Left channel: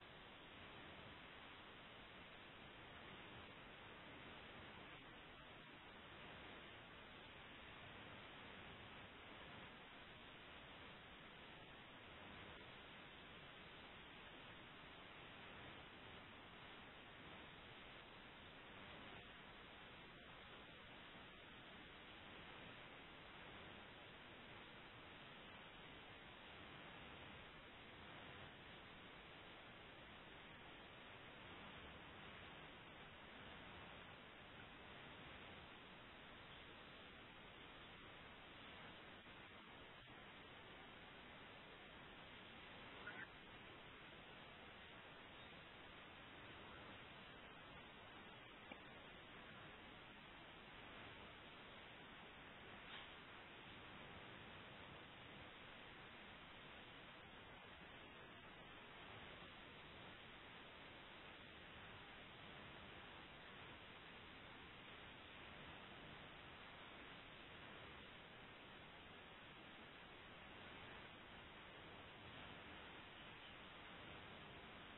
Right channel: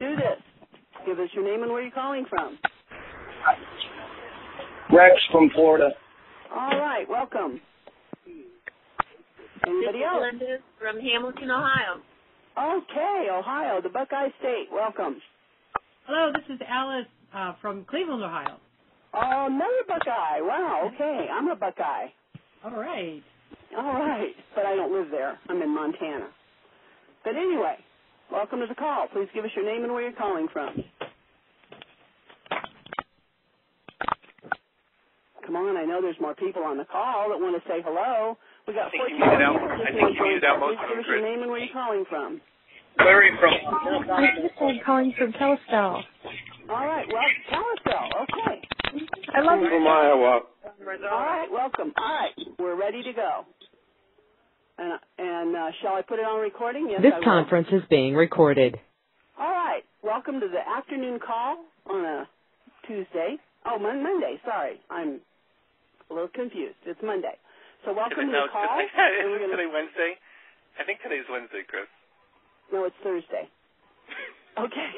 Do this. Give us your name and where you're calling from. Rex from Florida. All right, welcome. Anybody else? Linda from Hamilton, Ohio. Okay, Ohio, the Buckeye State. Welcome. Hello, this is Alice from Cleveland, Ohio. Oh, another Buckeye. Wow, okay. I'm a Buckeye. All right. All right, but I don't live there. I'm in Montana. But anyway, welcome to the call. Please give us your name and where you're calling from. Come on, I know there's more people on the call that want to say hello. We got 14 people. I think you muted out most of them, Please give us your name and where you're calling from. Larry from... I'm calling from Kalispell. All right, well, Kalispell, okay. I love I'm from Iowa. All right, welcome. All right, we're ready to go. And shall I put it on recording? Yes, This I will. conference is being recorded. All right, welcome to the afternoon call on a Tuesday. Oh, Monday, sorry. I'm a little confused. It's Monday. So welcome to the call. Isn't today Wednesday? I think today's Wednesday, Chris. No, it's Thursday. Okay.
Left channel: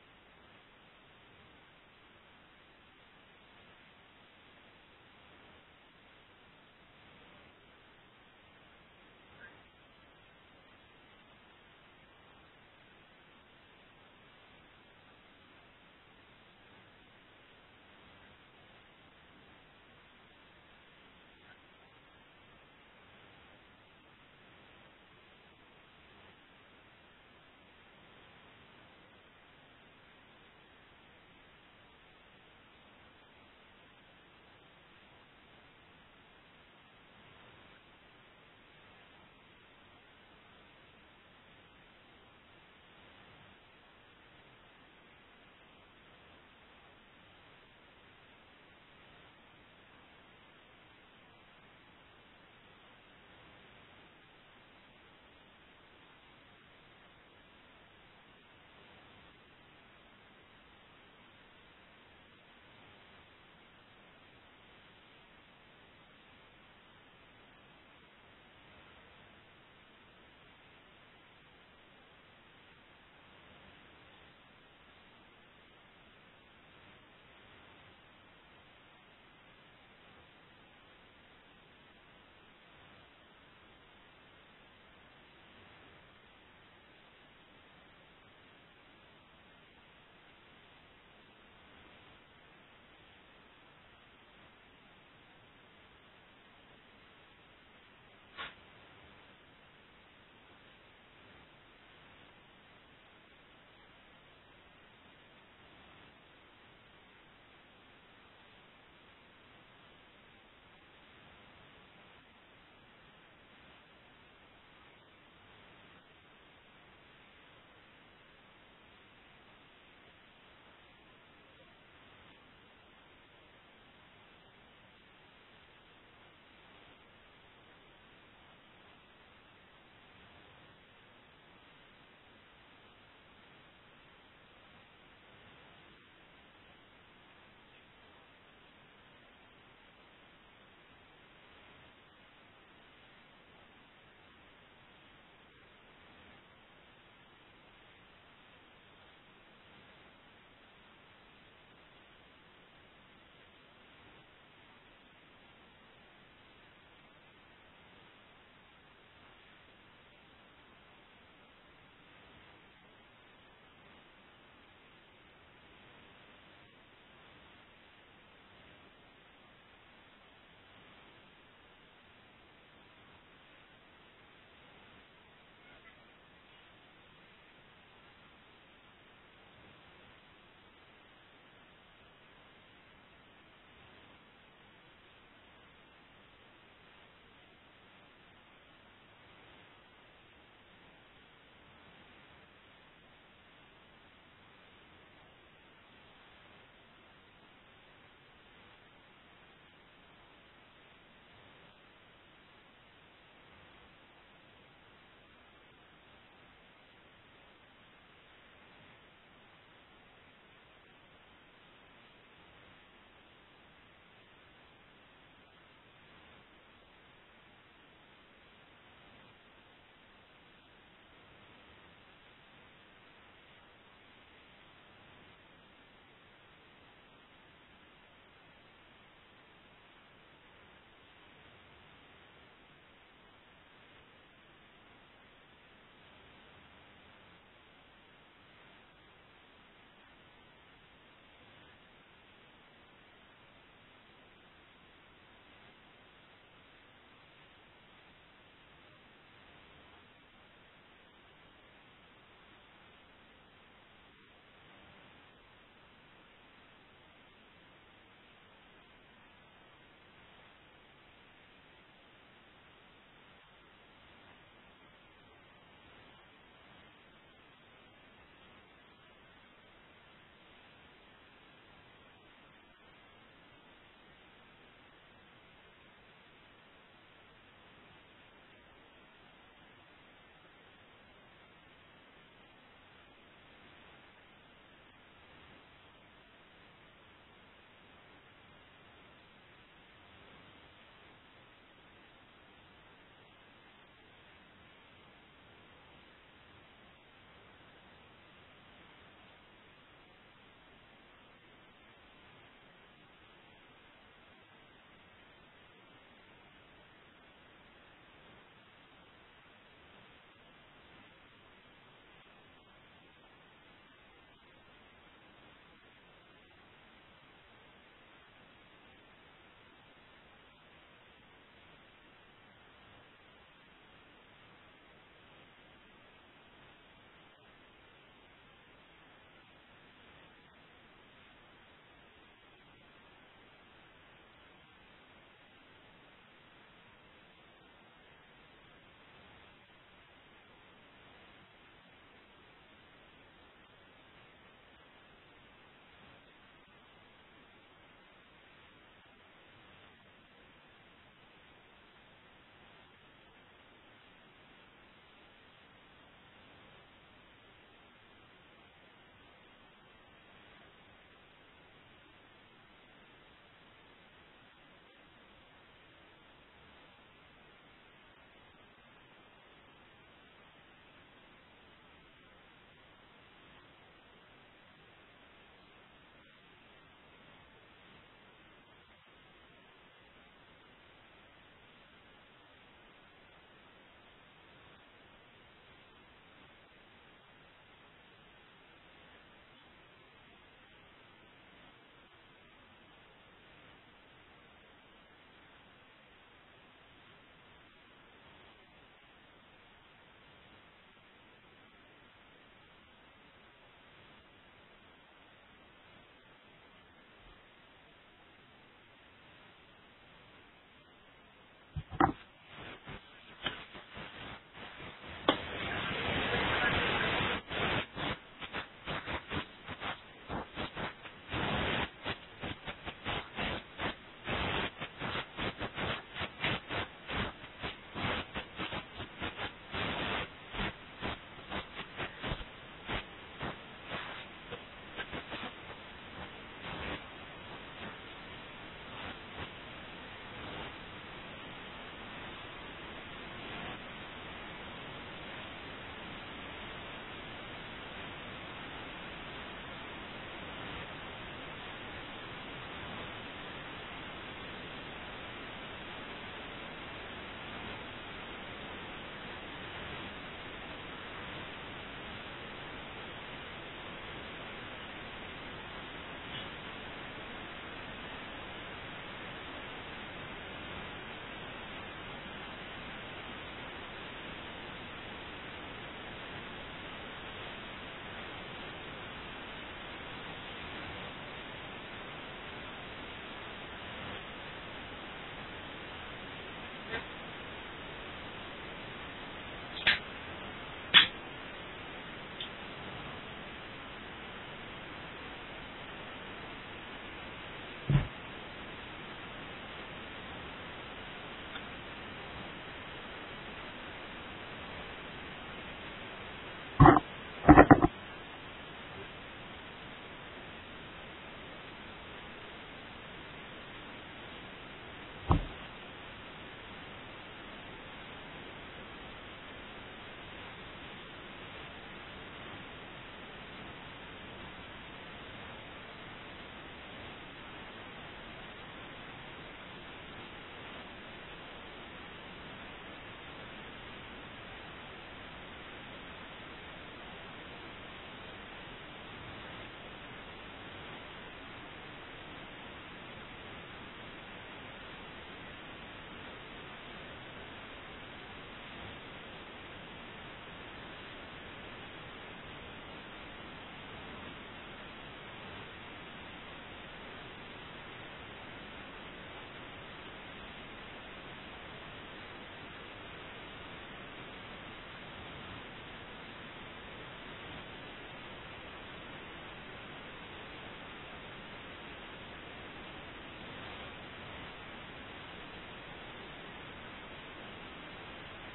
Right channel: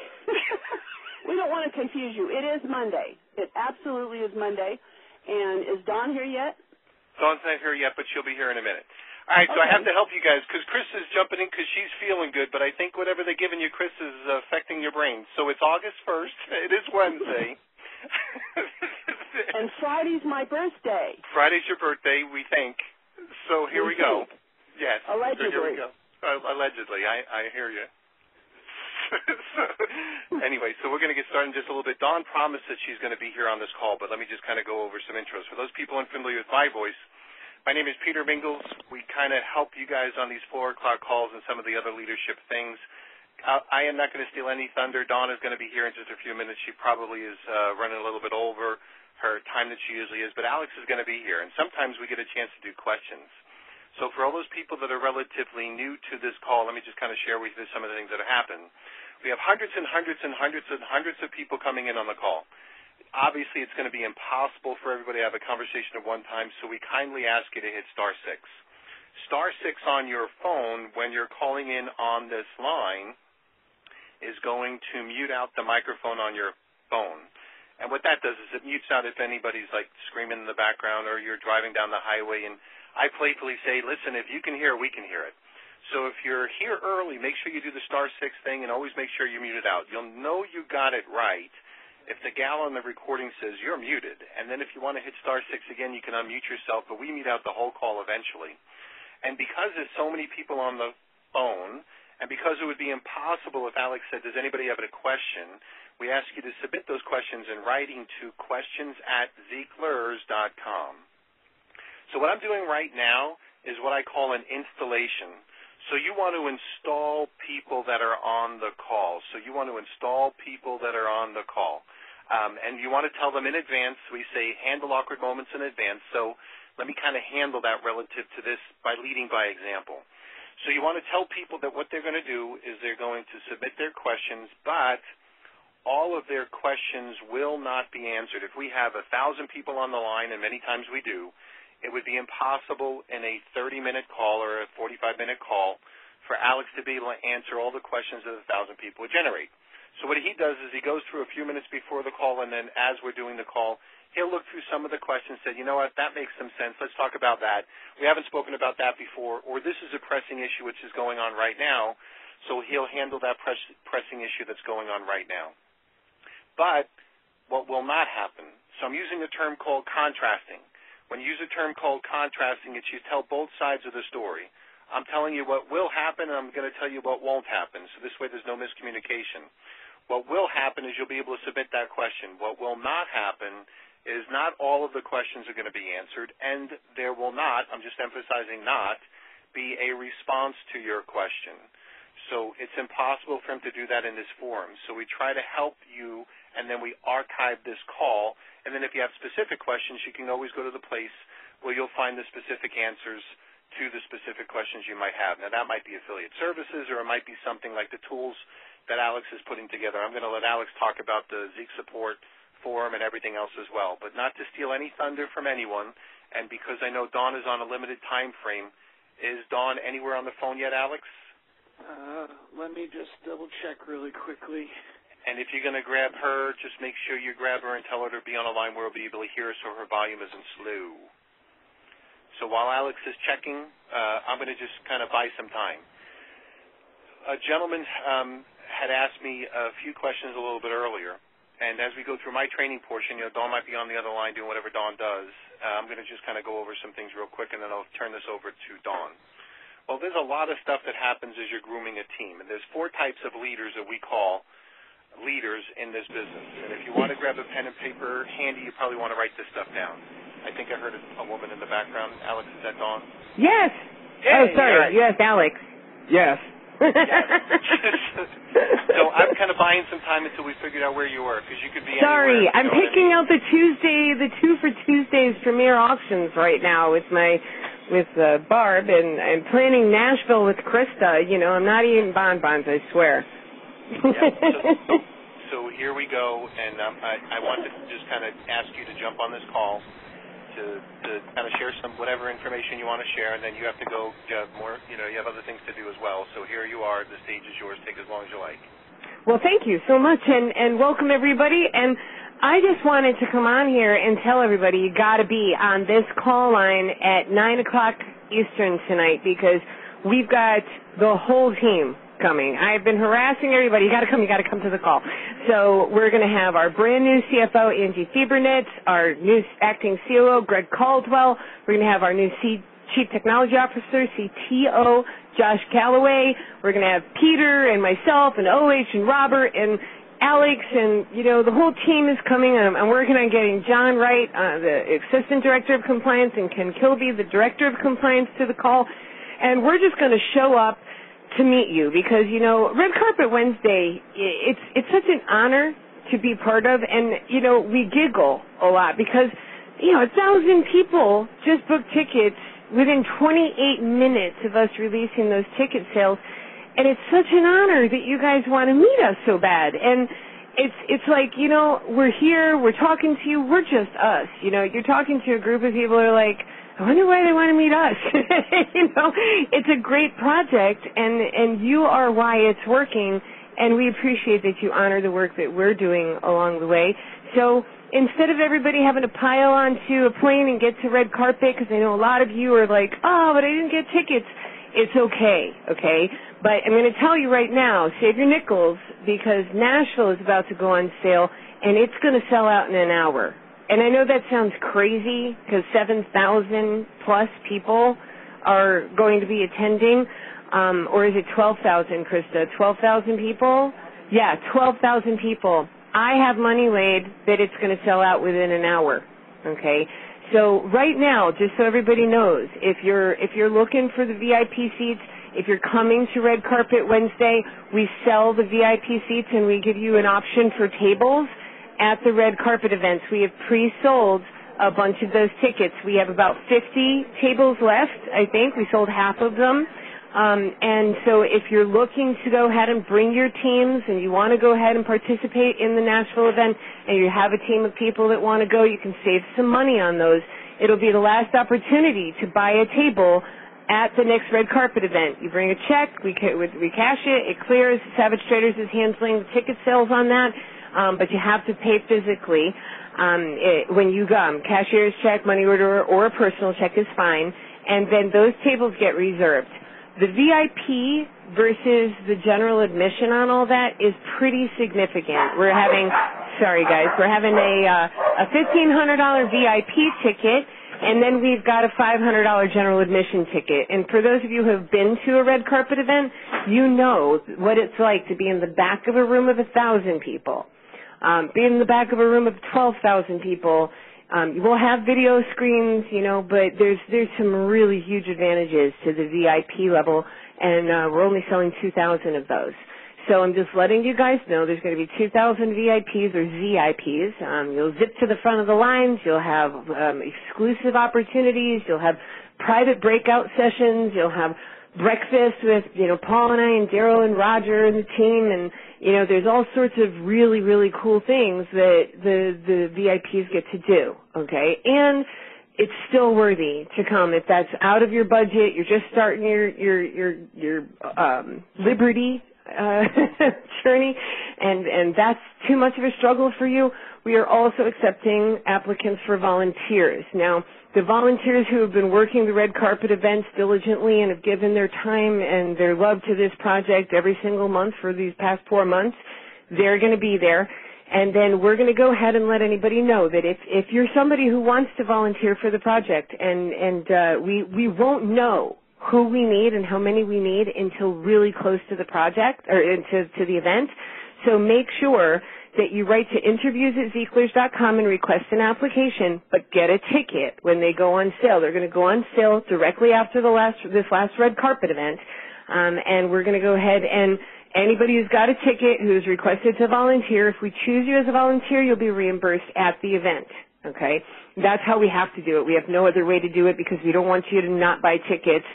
We don't want to confuse you. It is Monday. It absolutely is Monday. And is Dawn here yet? Dawn's not here yet, but she'll be here in a minute. All right, so I have to help you guys because Chris is jumping in because she's feeling good, but I think whatever they're giving you, Chris, is affecting your brain. So it's August 1st. It is Wednesday. And Friday's my birthday. Friday's your birthday, we think. So here we go. Yes. Allegedly. So here we go. Allegedly. I hear you. So, anyway, so we're going to get started in just a little bit. Dawn promised that she's going to be here on this call, but let me just kind of go over some intros. For those people unfamiliar with my voice, my name is Peter Mingles. We kind of help you guys on these 4 o'clock calls and some of the other leadership things. I am not going to steal any thunder. Dawn is going to be here in just a few minutes. She probably is running a little bit over her time that she usually is, but Alex is going to be here, and sometimes we get a chance to do questions. So for all those people that are relatively new to this call, let me just kind of share with you some of the things that have happened. We have hundreds and hundreds and hundreds and hundreds of people coming in on the call. Obviously, it's going to be impossible for everybody to have a conversation at one time, so we kindly ask you to hit *6. *6 on your phone when you're calling in on this line is going to mute out the microphone on your phone. And what that does is it mutes out if anybody's like screaming in the background or you're driving down the highway. And I playfully say, listen, if you can hear it, we can hear it. So if you're here early, make sure you do the *6 thing and always make sure you mute it out. You'll know you got it right if the gal on the recording says you're muted. And then if you want to hit *6 again, you can unmute yourself, but we mute out the whole call eventually. And because there's so many people on the phone, and because it would be impossible if Alex said, does anybody have a question, we ask you to submit those questions in writing to questions@zeeklers.com. So what I'm doing right now is what I call an installation. So you want to install people that are on the call. And you want to tell them in advance. We say handle awkward moments in advance. So let me kind of handle that relative to this by leading by example. So you want to tell people that what they're going to do is they're going to submit their questions, but all of their questions will not be answered. If we have 1,000 people on the line, and many times we do, it would be impossible in a 30-minute call or a 45-minute call for Alex to be able to answer all the questions that 1,000 people would generate. So what he does is he goes through a few minutes before the call, and then as we're doing the call, he'll look through some of the questions and say, you know what, that makes some sense. Let's talk about that. We haven't spoken about that before, or this is a pressing issue which is going on right now, so he'll handle that pressing issue that's going on right now. But what will not happen, so I'm using a term called contrasting. When you use a term called contrasting, it's you tell both sides of the story. I'm telling you what will happen, and I'm going to tell you what won't happen, so this way there's no miscommunication. What will happen is you'll be able to submit that question. What will not happen is not all of the questions are going to be answered, and there will not, I'm just emphasizing not, be a response to your question. So it's impossible for him to do that in this forum. So we try to help you, and then we archive this call. And then if you have specific questions, you can always go to the place where you'll find the specific answers to the specific questions you might have. Now, that might be affiliate services, or it might be something like the tools that Alex is putting together. I'm going to let Alex talk about the Zeek Support Forum and everything else as well. But not to steal any thunder from anyone, and because I know Dawn is on a limited time frame, is Dawn anywhere on the phone yet, Alex? Let me just double-check really quickly. And if you're going to grab her, just make sure you grab her and tell her to be on a line where we'll be able to hear her so her volume isn't slow. So while Alex is checking, I'm going to just kind of buy some time. A gentleman had asked me a few questions a little bit earlier, and as we go through my training portion, Dawn might be on the other line doing whatever Dawn does. I'm going to just kind of go over some things real quick, and then I'll turn this over to Dawn. Well, there's a lot of stuff that happens as you're grooming a team, and there's 4 types of leaders that we call leaders in this business. And if you want to grab a pen and paper handy, you probably want to write this stuff down. I think I heard a woman in the background. Alex, is that Dawn? Yes. Hey, oh, sorry. right. Yes, Alex. Yes. So I'm kind of buying some time until we figured out where you were, because you could be Sorry, anywhere. I'm picking out the 2 for Tuesdays premier auctions right now with Barb, and I'm planning Nashville with Krista. I'm not eating bonbons, I swear. So here we go, and I want to just kind of ask you to jump on this call to kind of share some whatever information you want to share, and then you have to go more. You have other things to do as well. So here you are. The stage is yours. Take as long as you like. Well, thank you so much, and welcome everybody. And I just wanted to come on here and tell everybody you got to be on this call line at 9 o'clock Eastern tonight, because we've got the whole team coming. I've been harassing everybody. You got to come to the call. So we're going to have our brand new CFO, Angie Fiebernitz, our new acting COO, Greg Caldwell. We're going to have our new Chief Technology Officer, CTO, Josh Calloway. We're going to have Peter and myself and OH and Robert and Alex, and, the whole team is coming. I'm working on getting John Wright, the Assistant Director of Compliance, and Ken Kilby, the Director of Compliance, to the call. And we're just going to show up to meet you, because Red Carpet Wednesday, it's such an honor to be part of, and we giggle a lot because 1,000 people just booked tickets within 28 minutes of us releasing those ticket sales, and it's such an honor that you guys want to meet us so bad. And it's like, we're here, we're talking to you, we're just us. You're talking to a group of people who are like, I wonder why they want to meet us. It's a great project, and you are why it's working, and we appreciate that you honor the work that we're doing along the way. So instead of everybody having to pile onto a plane and get to Red Carpet, because I know a lot of you are like, oh, but I didn't get tickets, it's okay? But I'm going to tell you right now, save your nickels, because Nashville is about to go on sale, and it's going to sell out in an hour. And I know that sounds crazy, because 7,000 plus people are going to be attending, or is it 12,000, Krista? 12,000 people? Yeah, 12,000 people. I have money laid that it's going to sell out within an hour. Okay, so right now, just so everybody knows, if you're looking for the VIP seats, if you're coming to Red Carpet Wednesday, we sell the VIP seats and we give you an option for tables at the Red Carpet events. We have pre-sold a bunch of those tickets. We have about 50 tables left, I think. We sold half of them. And so if you're looking to go ahead and bring your teams and you want to go ahead and participate in the Nashville event and you have a team of people that want to go, you can save some money on those. It'll be the last opportunity to buy a table at the next Red Carpet event. You bring a check, we cash it, it clears. Savage Traders is handling the ticket sales on that. But you have to pay physically when you come. Cashier's check, money order, or a personal check is fine, and then those tables get reserved. The VIP versus the general admission on all that is pretty significant. We're having a $1,500 VIP ticket, and then we've got a $500 general admission ticket. And for those of you who have been to a Red Carpet event, you know what it's like to be in the back of a room of 1,000 people. Be in the back of a room of 12,000 people. We'll have video screens, but there's some really huge advantages to the VIP level, and we're only selling 2,000 of those. So I'm just letting you guys know there's going to be 2,000 VIPs or ZIPs. You'll zip to the front of the lines. You'll have exclusive opportunities. You'll have private breakout sessions. You'll have breakfast with, Paul and I and Daryl and Roger and the team, and there's all sorts of really, really cool things that the VIPs get to do, okay? And it's still worthy to come. If that's out of your budget, you're just starting your Liberty journey, and that's too much of a struggle for you, we are also accepting applicants for volunteers. Now, the volunteers who have been working the red carpet events diligently and have given their time and their love to this project every single month for these past 4 months, they're going to be there. And then we're going to go ahead and let anybody know that if you're somebody who wants to volunteer for the project, and we won't know who we need and how many we need until really close to the project or to the event. So make sure that you write to interviews@zeechlers.com and request an application, but get a ticket when they go on sale. They're going to go on sale directly after this last red carpet event, and we're going to go ahead and anybody who's got a ticket who's requested to volunteer, if we choose you as a volunteer, you'll be reimbursed at the event, okay? That's how we have to do it. We have no other way to do it because we don't want you to not buy tickets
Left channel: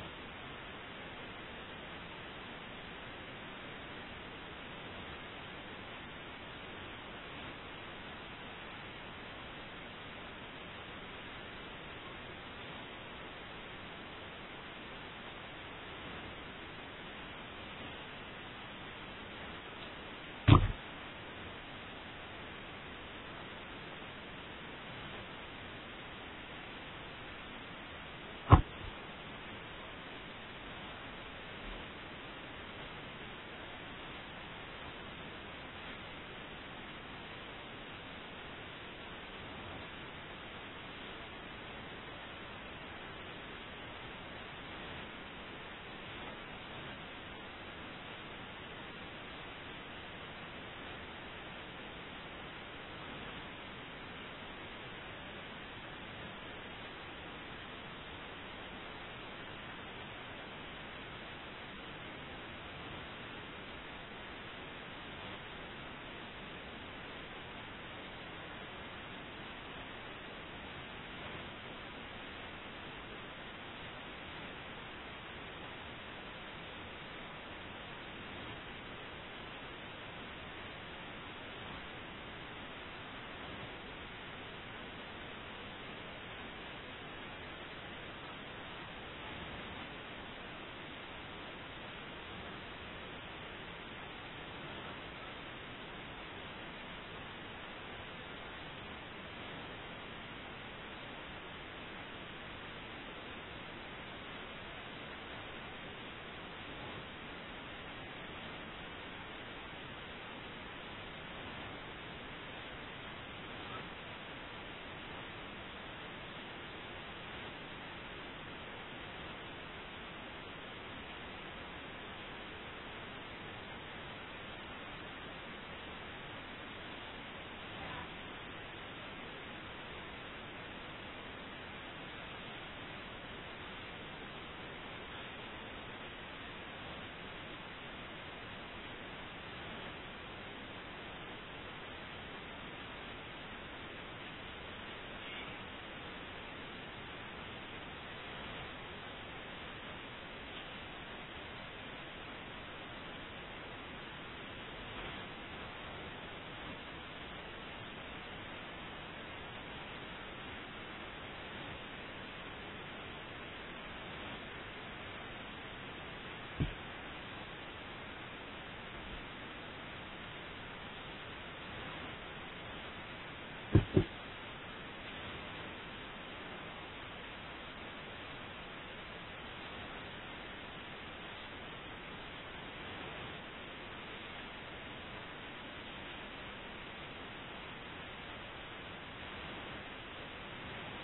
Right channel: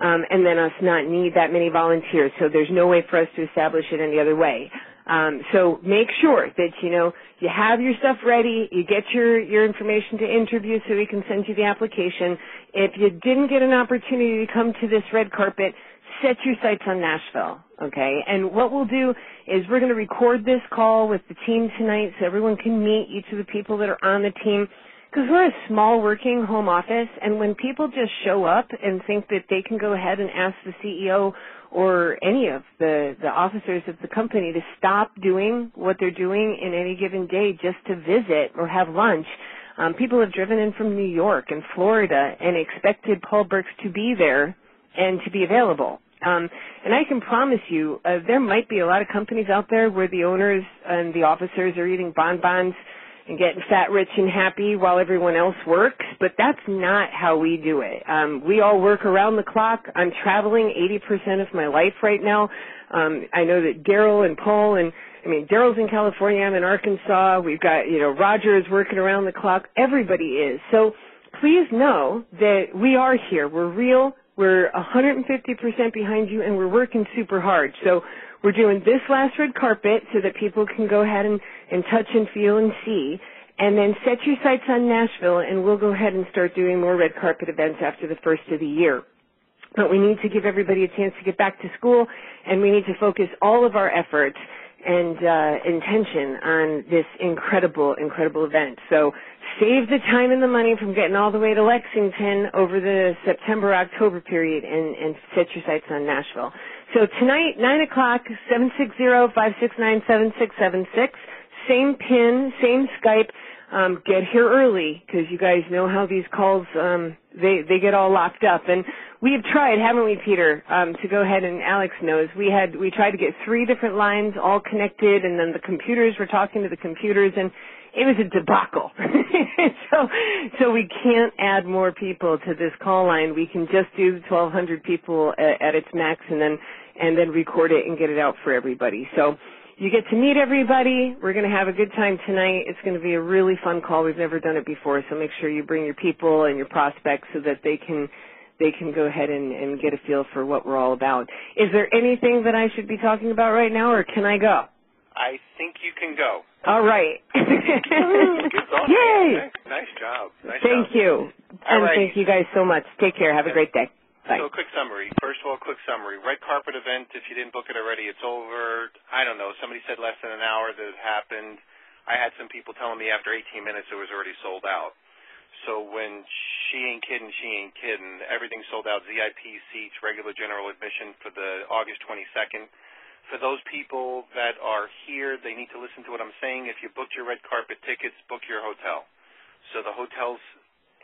and then us not need that many volunteers. So there's no way for us to establish it any other way. So make sure that, you have your stuff ready, you get your information to interview so we can send you the application. If you didn't get an opportunity to come to this red carpet, set your sights on Nashville, okay? And what we'll do is we're going to record this call with the team tonight so everyone can meet each of the people that are on the team, because we're a small working home office, and when people just show up and think that they can go ahead and ask the CEO or any of the officers of the company to stop doing what they're doing in any given day just to visit or have lunch. People have driven in from New York and Florida and expected Paul Burks to be there and to be available. And I can promise you there might be a lot of companies out there where the owners and the officers are eating bonbons and getting fat, rich, and happy while everyone else works, but that's not how we do it. We all work around the clock. I'm traveling 80% of my life right now. I know that Daryl and Paul Daryl's in California, I'm in Arkansas. We've got, Roger is working around the clock. Everybody is. So please know that we are here. We're real. We're 150% behind you, and we're working super hard. So we're doing this last red carpet so that people can go ahead and touch and feel and see, and then set your sights on Nashville, and we'll go ahead and start doing more red carpet events after the first of the year. But we need to give everybody a chance to get back to school, and we need to focus all of our efforts and intention on this incredible, incredible event. So save the time and the money from getting all the way to Lexington over the September-October period and set your sights on Nashville. So tonight, 9 o'clock, 760-569-7676. Same PIN, same Skype. Get here early because you guys know how these calls, they get all locked up. And we have tried, haven't we, Peter, to go ahead, and Alex knows, we tried to get 3 different lines all connected, and then the computers were talking to the computers, and it was a debacle. So we can't add more people to this call line. We can just do 1,200 people at its max and then record it and get it out for everybody. So you get to meet everybody. We're going to have a good time tonight. It's going to be a really fun call. We've never done it before, so make sure you bring your people and your prospects so that they can go ahead and get a feel for what we're all about. Is there anything that I should be talking about right now, or can I go? I think you can go. All right. Good thought. Yay! Nice job. Thank you. And thank you guys so much. Take care. Have a great day. Bye. So quick summary. First of all, quick summary. Red carpet event, if you didn't book it already, it's over. I don't know. Somebody said less than an hour that it happened. I had some people telling me after 18 minutes it was already sold out. So when she ain't kidding, everything's sold out. VIP seats, regular general admission for the August 22nd. For those people that are here, they need to listen to what I'm saying. If you booked your red carpet tickets, book your hotel. So the hotels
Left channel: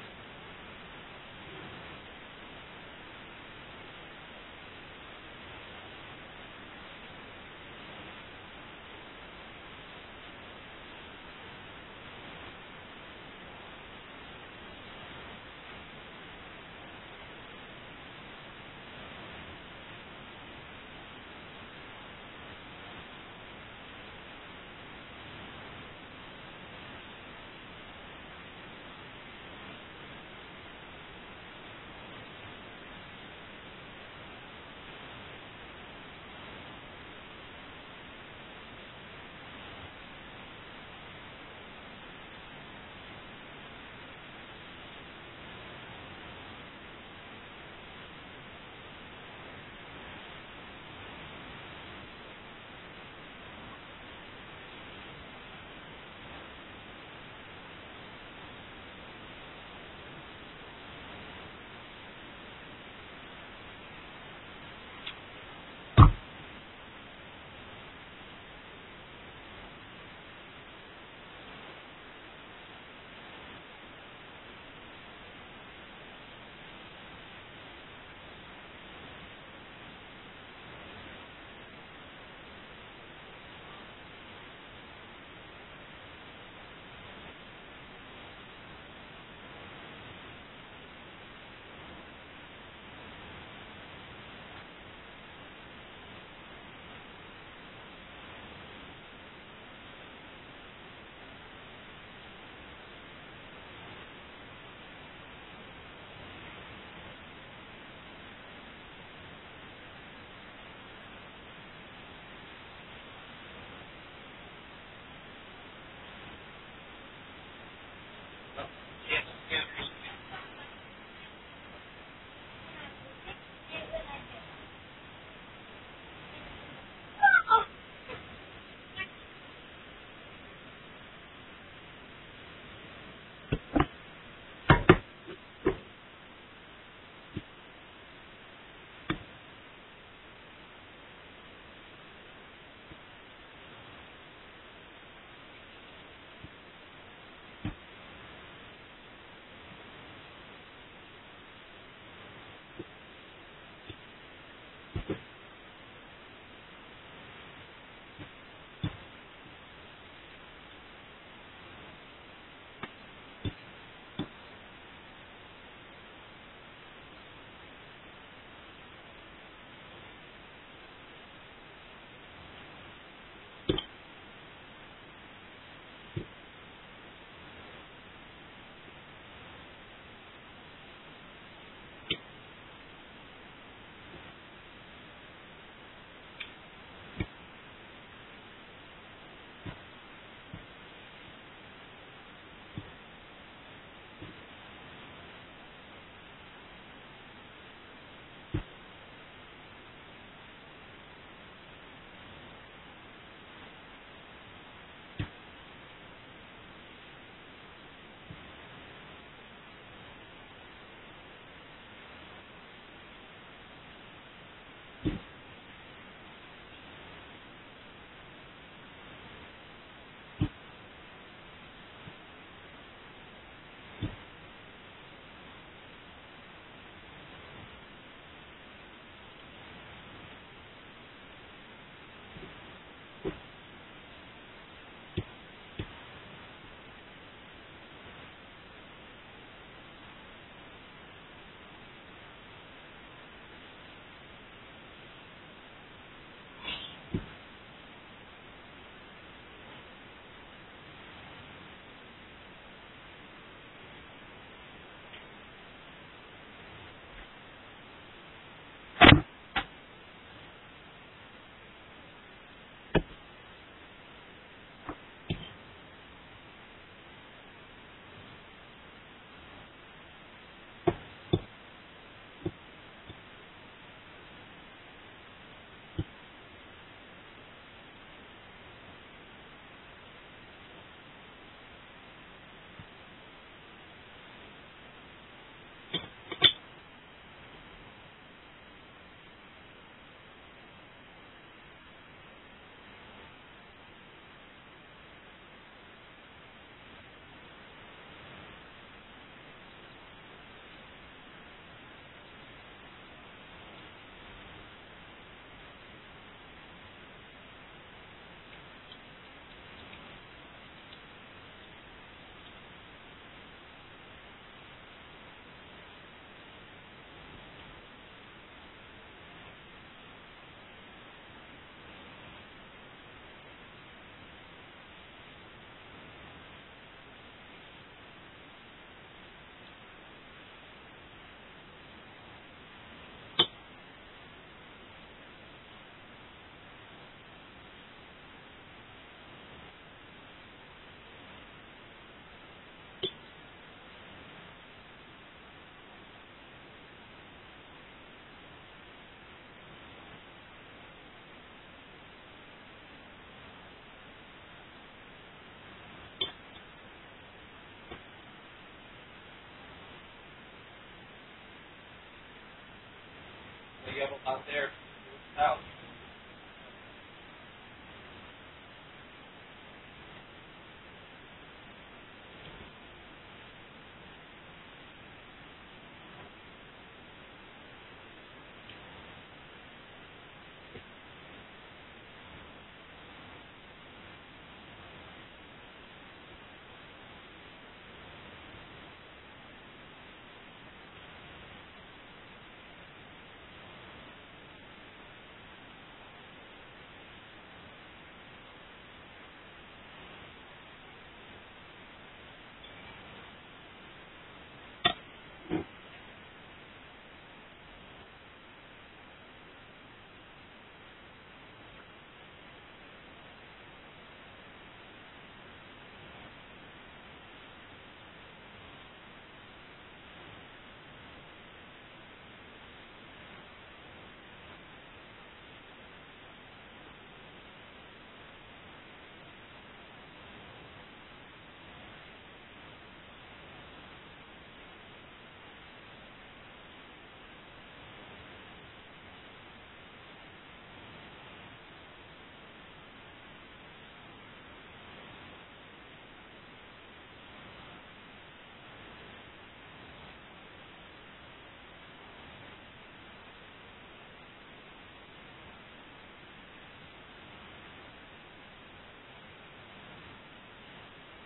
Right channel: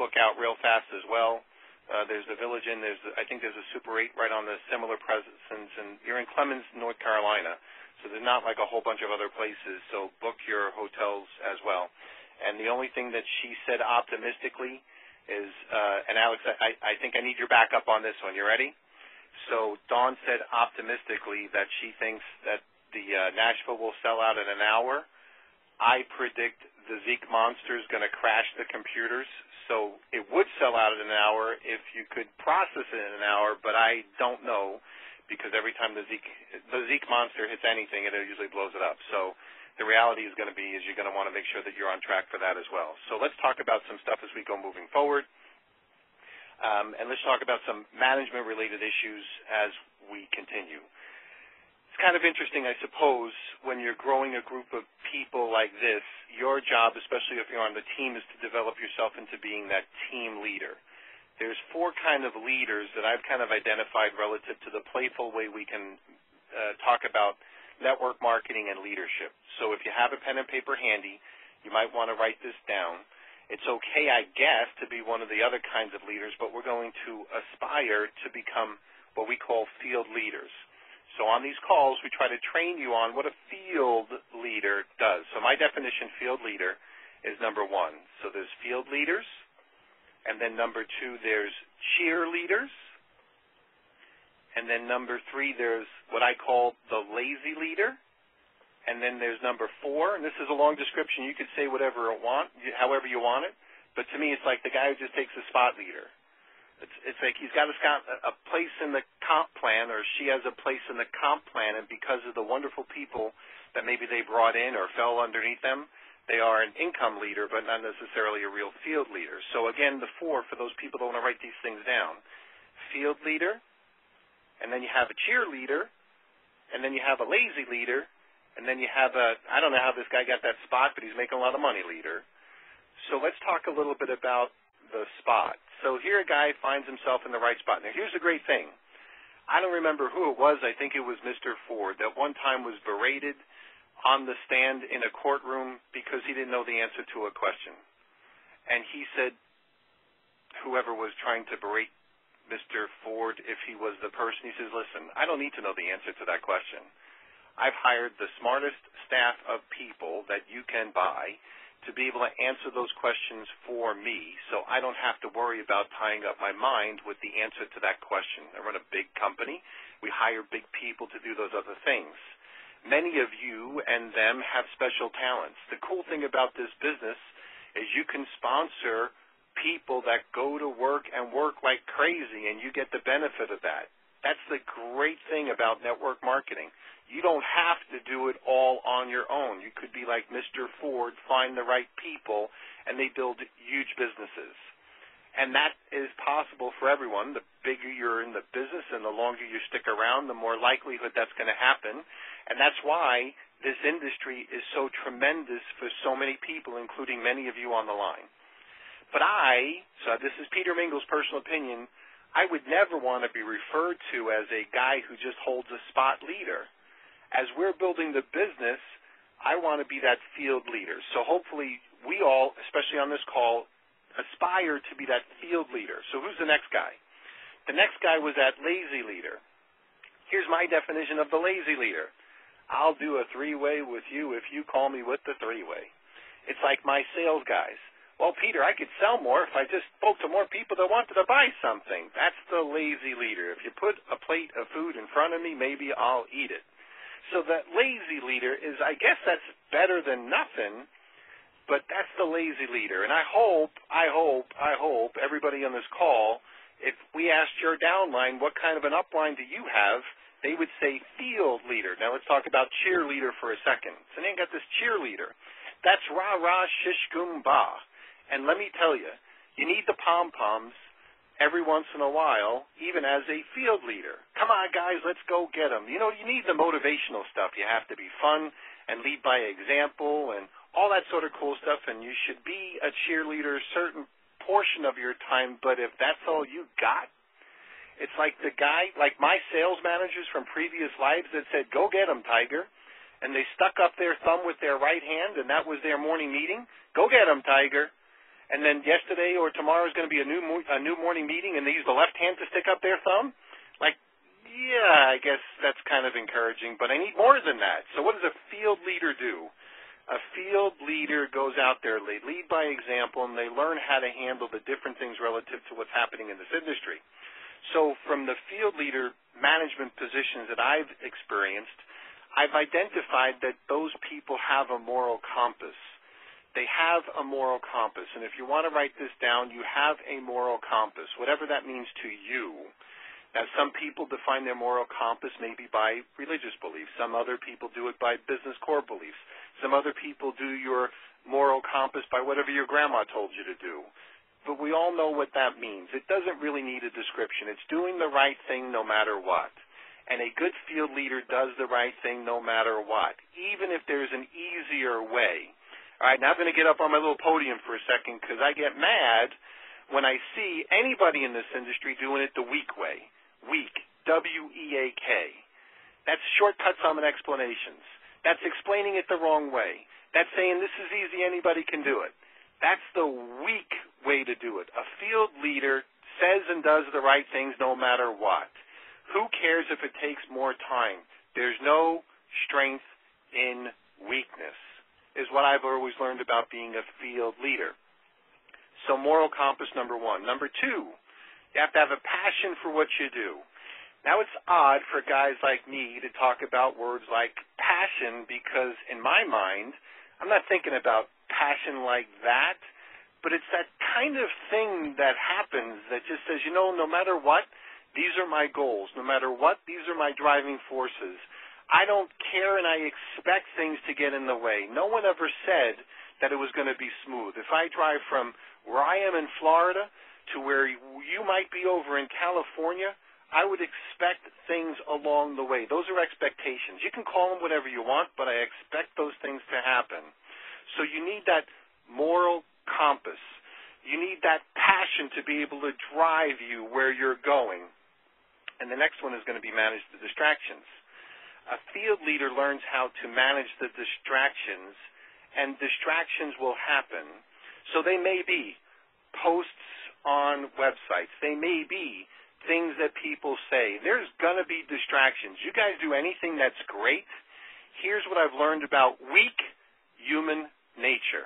book out real fast as well. There's a Village Inn. I think there's a Super 8 right on the similar presence, and you're in Clemens, North Carolina. So there's not like a whole bunch of other places. So book your hotels as well. And the only thing that she said optimistically is, and Alex, I think I need your backup on this one. You ready? So Dawn said optimistically that she thinks that the Nashville will sell out in an hour. I predict the Zeke Monster is going to crash the computers. So it would sell out in an hour if you could process it in an hour, but I don't know because every time the Zeke Monster hits anything, it usually blows it up. So the reality is going to be is you're going to want to make sure that you're on track for that as well. So let's talk about some stuff as we go moving forward. And let's talk about some management-related issues as we continue. kind of interesting, I suppose, when you're growing a group of people like this. Your job, especially if you're on the team, is to develop yourself into being that team leader. There's 4 kind of leaders that I've kind of identified relative to the playful way we can talk about network marketing and leadership. So if you have a pen and paper handy, you might want to write this down. It's okay, I guess, to be one of the other kinds of leaders, but we're going to aspire to become what we call field leaders. So on these calls, we try to train you on what a field leader does. So my definition, field leader, is number 1. So there's field leaders, and then number 2, there's cheerleaders, and then number 3, there's what I call the lazy leader, and then there's number 4, and this is a long description. You could say whatever however you want it, but to me it's like the guy who just takes the spot leader. It's like he's got a place in the comp plan, or she has a place in the comp plan, and because of the wonderful people that maybe they brought in or fell underneath them, they are an income leader, but not necessarily a real field leader. So again, the 4, for those people that want to write these things down: field leader, and then you have a cheerleader, and then you have a lazy leader, and then you have I don't know how this guy got that spot, but he's making a lot of money leader. So let's talk a little bit about the spot. So here a guy finds himself in the right spot. Now here's the great thing. I don't remember who it was. I think it was Mr. Ford that one time was berated on the stand in a courtroom because he didn't know the answer to a question. And he said, whoever was trying to berate Mr. Ford, if he was the person, he says, listen, I don't need to know the answer to that question. I've hired the smartest staff of people that you can buy to be able to answer those questions for me, so I don't have to worry about tying up my mind with the answer to that question. I run a big company. We hire big people to do those other things. Many of you and them have special talents. The cool thing about this business is you can sponsor people that go to work and work like crazy, and you get the benefit of that. That's the great thing about network marketing. You don't have to do it all on your own. You could be like Mr. Ford, find the right people, and they build huge businesses. And that is possible for everyone. The bigger you're in the business and the longer you stick around, the more likelihood that's going to happen. And that's why this industry is so tremendous for so many people, including many of you on the line. But so this is Peter Mingle's personal opinion, I would never want to be referred to as a guy who just holds a spot leader. As we're building the business, I want to be that field leader. So hopefully we all, especially on this call, aspire to be that field leader. So who's the next guy? The next guy was that lazy leader. Here's my definition of the lazy leader. I'll do a 3-way with you if you call me with the 3-way. It's like my sales guys. Well, Peter, I could sell more if I just spoke to more people that wanted to buy something. That's the lazy leader. If you put a plate of food in front of me, maybe I'll eat it. So that lazy leader is, I guess that's better than nothing, but that's the lazy leader. And I hope everybody on this call, if we asked your downline what kind of an upline do you have, they would say field leader. Now let's talk about cheerleader for a second. So they got this cheerleader. That's rah-rah, shish-goom-bah. And let me tell you, you need the pom-poms every once in a while, even as a field leader. Come on, guys, let's go get them. You know, you need the motivational stuff. You have to be fun and lead by example and all that sort of cool stuff, and you should be a cheerleader a certain portion of your time, but if that's all you got, it's like the guy, like my sales managers from previous lives that said, go get them, Tiger, and they stuck up their thumb with their right hand, and that was their morning meeting. Go get them, Tiger. And then yesterday or tomorrow is going to be a new morning meeting, and they use the left hand to stick up their thumb? Like, yeah, I guess that's kind of encouraging, but I need more than that. So what does a field leader do? A field leader goes out there, they lead by example, and they learn how to handle the different things relative to what's happening in this industry. So from the field leader management positions that I've experienced, I've identified that those people have a moral compass. They have a moral compass, and if you want to write this down, you have a moral compass, whatever that means to you. Now, some people define their moral compass maybe by religious beliefs. Some other people do it by business core beliefs. Some other people do your moral compass by whatever your grandma told you to do. But we all know what that means. It doesn't really need a description. It's doing the right thing no matter what. And a good field leader does the right thing no matter what, even if there's an easier way. All right, now I'm going to get up on my little podium for a second because I get mad when I see anybody in this industry doing it the weak way. Weak, W-E-A-K. That's shortcuts on explanations. That's explaining it the wrong way. That's saying this is easy, anybody can do it. That's the weak way to do it. A field leader says and does the right things no matter what. Who cares if it takes more time? There's no strength in weakness, is what I've always learned about being a field leader. So moral compass number 1. Number 2, you have to have a passion for what you do. Now it's odd for guys like me to talk about words like passion because in my mind, I'm not thinking about passion like that, but it's that kind of thing that happens that just says, no matter what, these are my goals. No matter what, these are my driving forces. I don't care and I expect things to get in the way. No one ever said that it was going to be smooth. If I drive from where I am in Florida to where you might be over in California, I would expect things along the way. Those are expectations. You can call them whatever you want, but I expect those things to happen. So you need that moral compass. You need that passion to be able to drive you where you're going. And the next one is going to be manage the distractions. A field leader learns how to manage the distractions, and distractions will happen. So they may be posts on websites. They may be things that people say. There's going to be distractions. You guys do anything that's great. Here's what I've learned about weak human nature.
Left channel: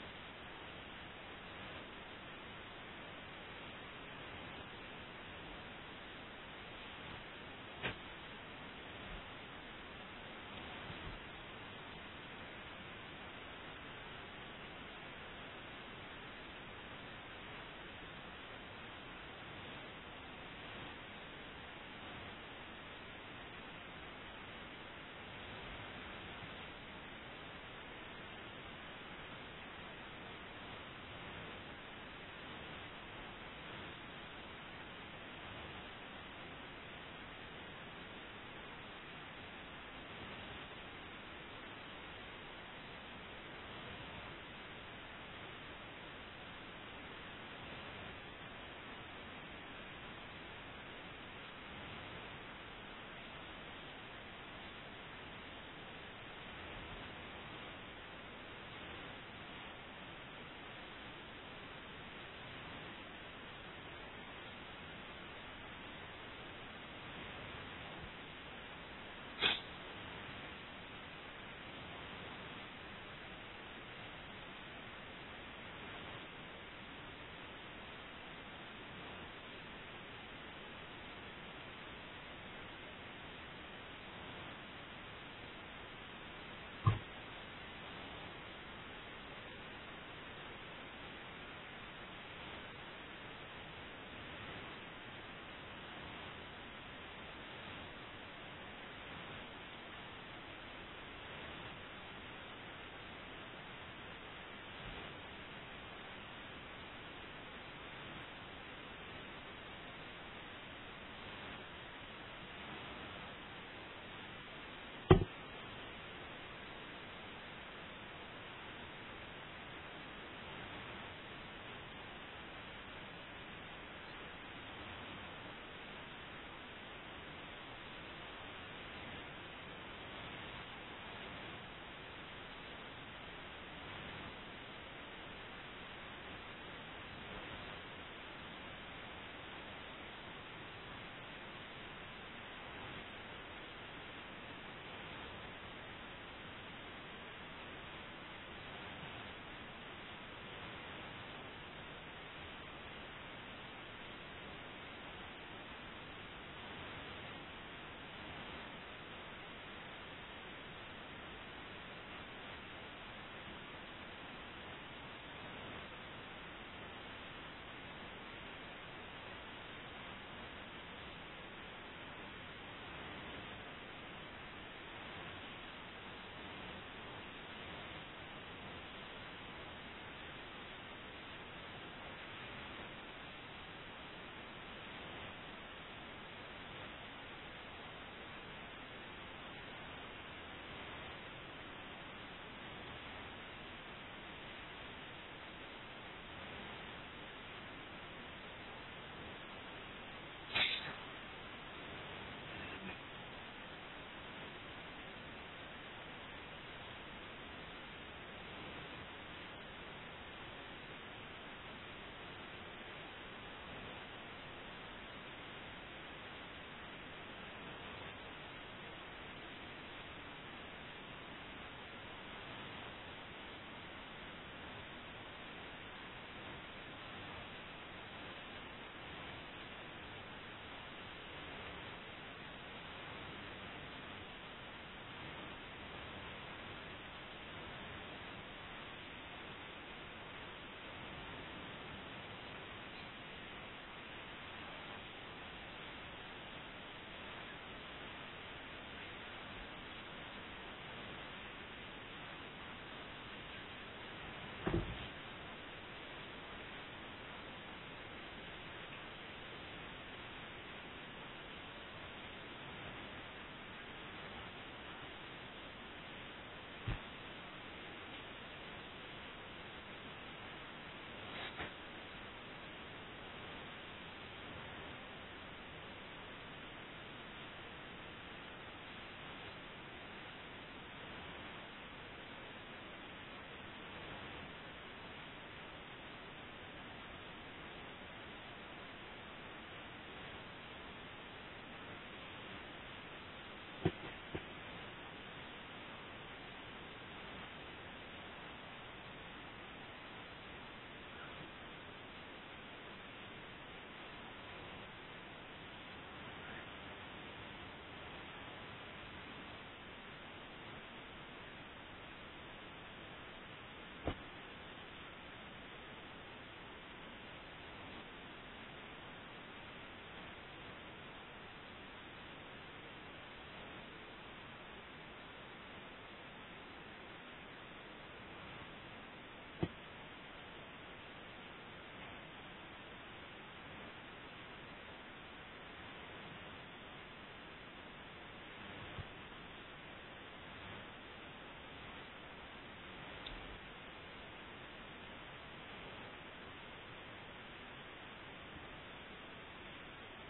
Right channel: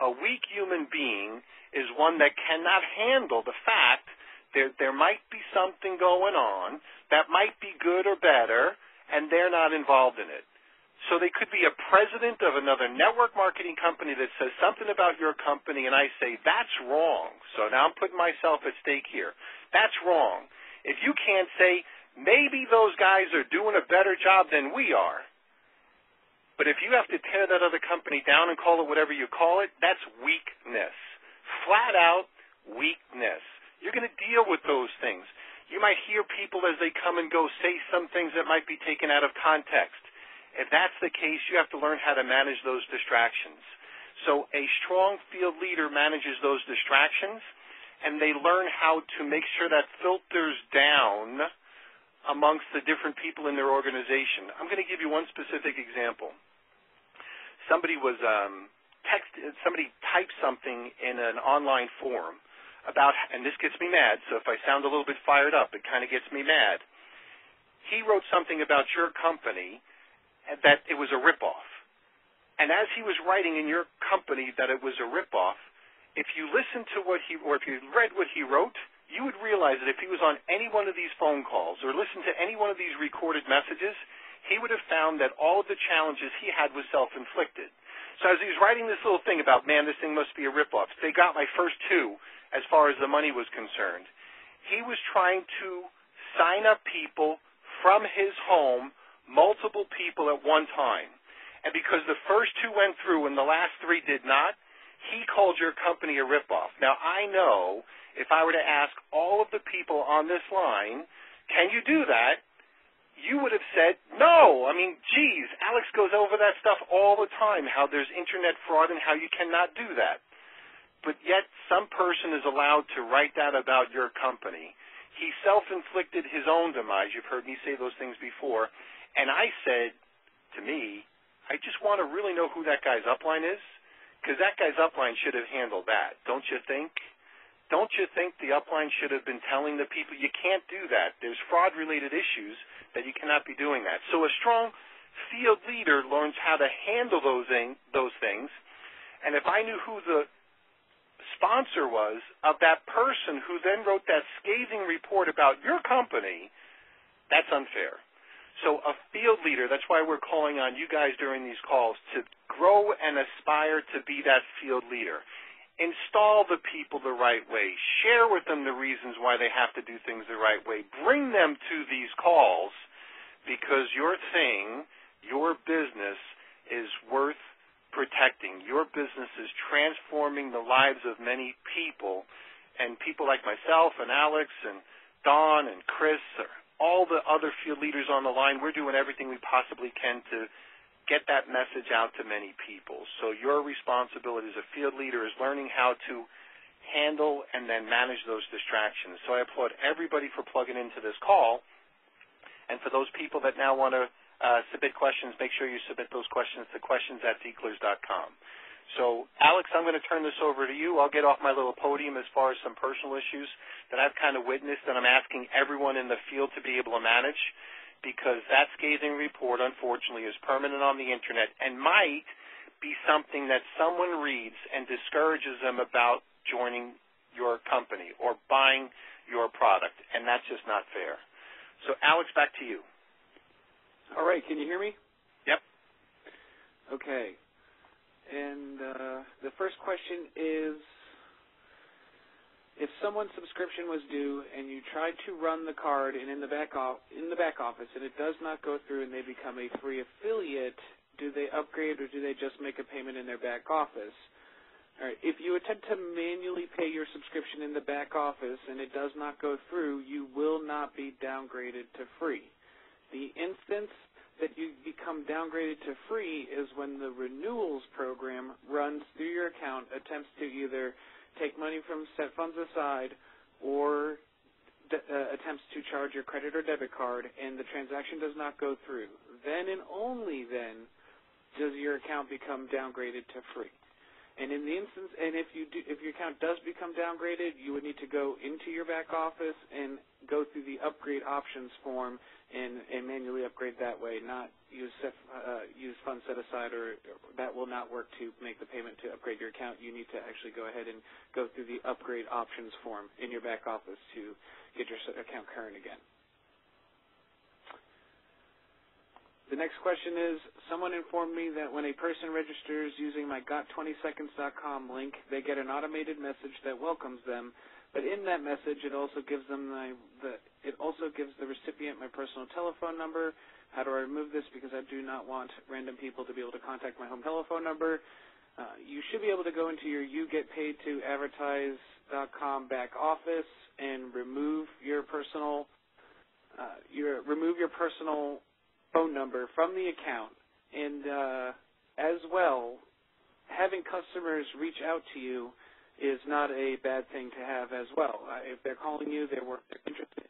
A weak human being is one that cannot handle the fact that there might be something going on that might be good or better, and they're not involved in it. So they could be a president of another network marketing company that says something about your company, and I say, that's wrong. So now I'm putting myself at stake here. That's wrong. If you can't say, maybe those guys are doing a better job than we are, but if you have to tear that other company down and call it whatever you call it, that's weakness. Flat out weakness. You're going to deal with those things. You might hear people as they come and go say some things that might be taken out of context. If that's the case, you have to learn how to manage those distractions. So a strong field leader manages those distractions, and they learn how to make sure that filters down amongst the different people in their organization. I'm going to give you one specific example. Somebody typed something in an online forum about, and this gets me mad, so if I sound a little bit fired up, it kind of gets me mad. He wrote something about your company that it was a ripoff. And as he was writing in your company that it was a ripoff, if you listened to what he, or if you read what he wrote, you would realize that if he was on any one of these phone calls or listened to any one of these recorded messages, he would have found that all of the challenges he had was self-inflicted. So as he was writing this little thing about, man, this thing must be a ripoff, they got my first two as far as the money was concerned. He was trying to sign up people from his home, multiple people at one time. And because the first two went through and the last three did not, he called your company a ripoff. Now, I know if I were to ask all of the people on this line, can you do that? You would have said, no. I mean, geez, Alex goes over that stuff all the time, how there's internet fraud and how you cannot do that. But yet some person is allowed to write that about your company. He self-inflicted his own demise. You've heard me say those things before. And I said, to me, I just want to really know who that guy's upline is, because that guy's upline should have handled that, don't you think? Don't you think the upline should have been telling the people, you can't do that. There's fraud-related issues that you cannot be doing that. So a strong field leader learns how to handle those things. And if I knew who the sponsor was of that person who then wrote that scathing report about your company, that's unfair. So a field leader, that's why we're calling on you guys during these calls to grow and aspire to be that field leader. Install the people the right way. Share with them the reasons why they have to do things the right way. Bring them to these calls because your thing, your business is worth protecting. Your business is transforming the lives of many people, and people like myself and Alex and Dawn and Chris are all the other field leaders on the line, we're doing everything we possibly can to get that message out to many people. So your responsibility as a field leader is learning how to handle and then manage those distractions. So I applaud everybody for plugging into this call. And for those people that now want to submit questions, make sure you submit those questions to questions@zeeklers.com. So, Alex, I'm going to turn this over to you. I'll get off my little podium as far as some personal issues that I've kind of witnessed and I'm asking everyone in the field to be able to manage, because that scathing report, unfortunately, is permanent on the Internet and might be something that someone reads and discourages them about joining your company or buying your product, and that's just not fair. So, Alex, back to you. All right, can you hear me? Yep. Okay. And the first question is, if someone's subscription was due and you tried to run the card and in the back office and it does not go through and they become a free affiliate, do they upgrade or do they just make a payment in their back office? All right. If you attempt to manually pay your subscription in the back office and it does not go through, you will not be downgraded to free. The instance that you become downgraded to free is when the renewals program runs through your account, attempts to either take money from set funds aside or attempts to charge your credit or debit card, and the transaction does not go through. Then and only then does your account become downgraded to free. And in the instance, and if your account does become downgraded, you would need to go into your back office and go through the upgrade options form and manually upgrade that way, not use funds set aside, or that will not work to make the payment to upgrade your account. You need to actually go ahead and go through the upgrade options form in your back office to get your account current again. The next question is, someone informed me that when a person registers using my got20seconds.com link, they get an automated message that welcomes them. But in that message, it also gives them the recipient my personal telephone number. How do I remove this? Because I do not want random people to be able to contact my home telephone number. You should be able to go into your YouGetPaidToAdvertise.com back office and remove your personal phone number from the account. And as well, having customers reach out to you is not a bad thing to have as well. If they're calling you, they're interested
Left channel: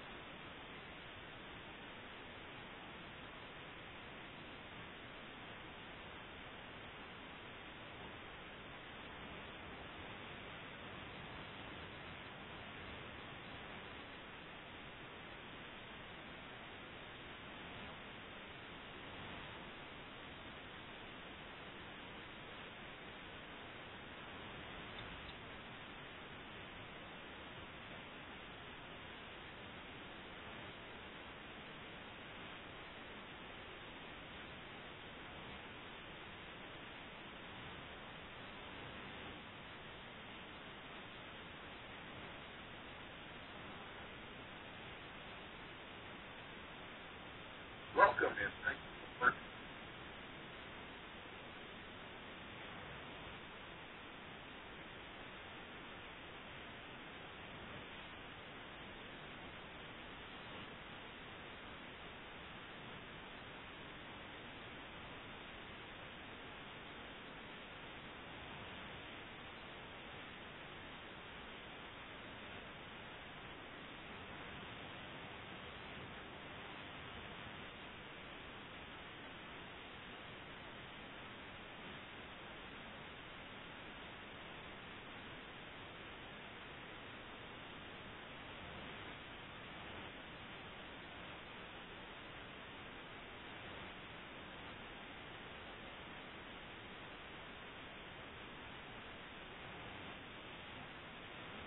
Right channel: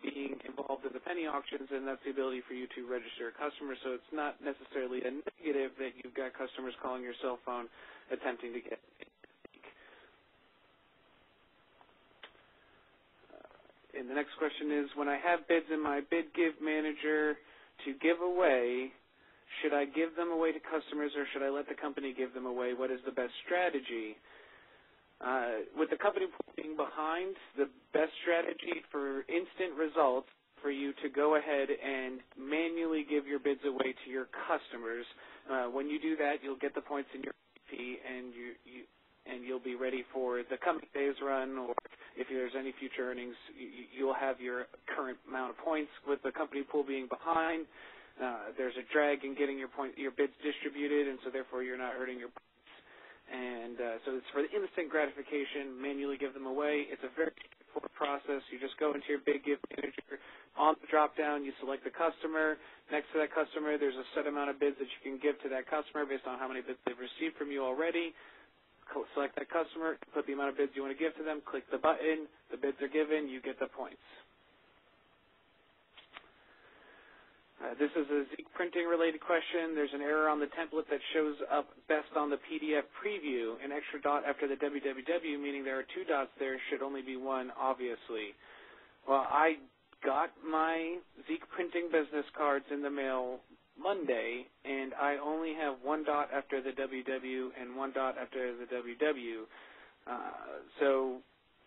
in being involved in the penny auctions, and that's the ability for you to register a customer. So it's not necessarily a negative that you've got customers calling your cell phone attempting to get. And the next question is, when I have bids in my bid give manager to give away, should I give them away to customers or should I let the company give them away? What is the best strategy? With the company being behind, the best strategy for instant results for you to go ahead and manually give your bids away to your customers. When you do that, you'll get the points in your P, and you'll be ready for the coming day's run, or if there's any future earnings, you'll have your current amount of points. With the company pool being behind, there's a drag in getting your bids distributed, and so therefore you're not earning your points. And so it's for the instant gratification, manually give them away. It's a very simple process. You just go into your bid gift manager. On the drop-down, you select the customer. Next to that customer, there's a set amount of bids that you can give to that customer based on how many bids they've received from you already. Select that customer, put the amount of bids you want to give to them, click the button, the bids are given, you get the points. This is a Zeek printing-related question. There's an error on the template that shows up best on the PDF preview. An extra dot after the www, meaning there are two dots there, should only be one, obviously. Well, I got my Zeek printing business cards in the mail Monday, and I only have one dot after the www and one dot after the www. So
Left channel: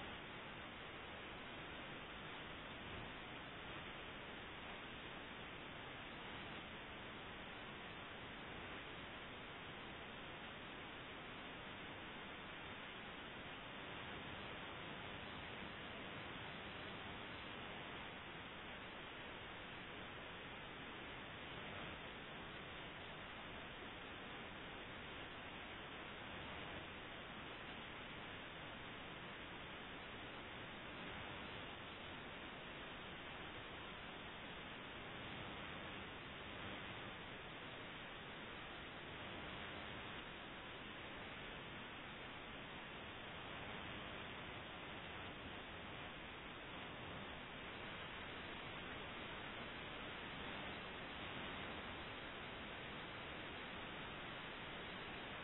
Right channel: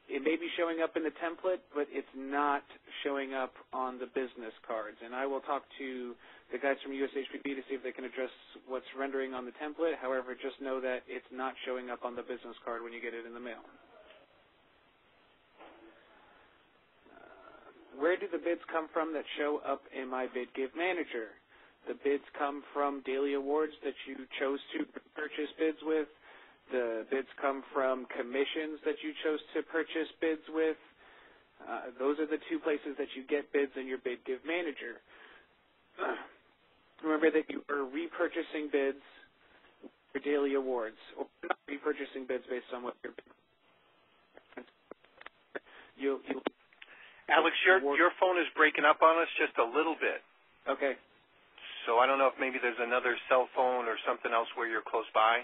it may be showing up in the template, but it's not showing up on the business cards. And I will talk to the guys from USHPB to see if they can address what's rendering on the template. However, just know that it's not showing up on the business card when you get it in the mail. Where do the bids come from that show up in my Bid Give Manager? The bids come from daily awards that you chose to purchase bids with. The bids come from commissions that you chose to purchase bids with. Those are the two places that you get bids in your Bid Give Manager. Remember that you are repurchasing bids for daily awards, or not repurchasing bids based on what you're Alex, your phone is breaking up on us just a little bit. Okay. So I don't know if maybe there's another cell phone or something else where you're close by.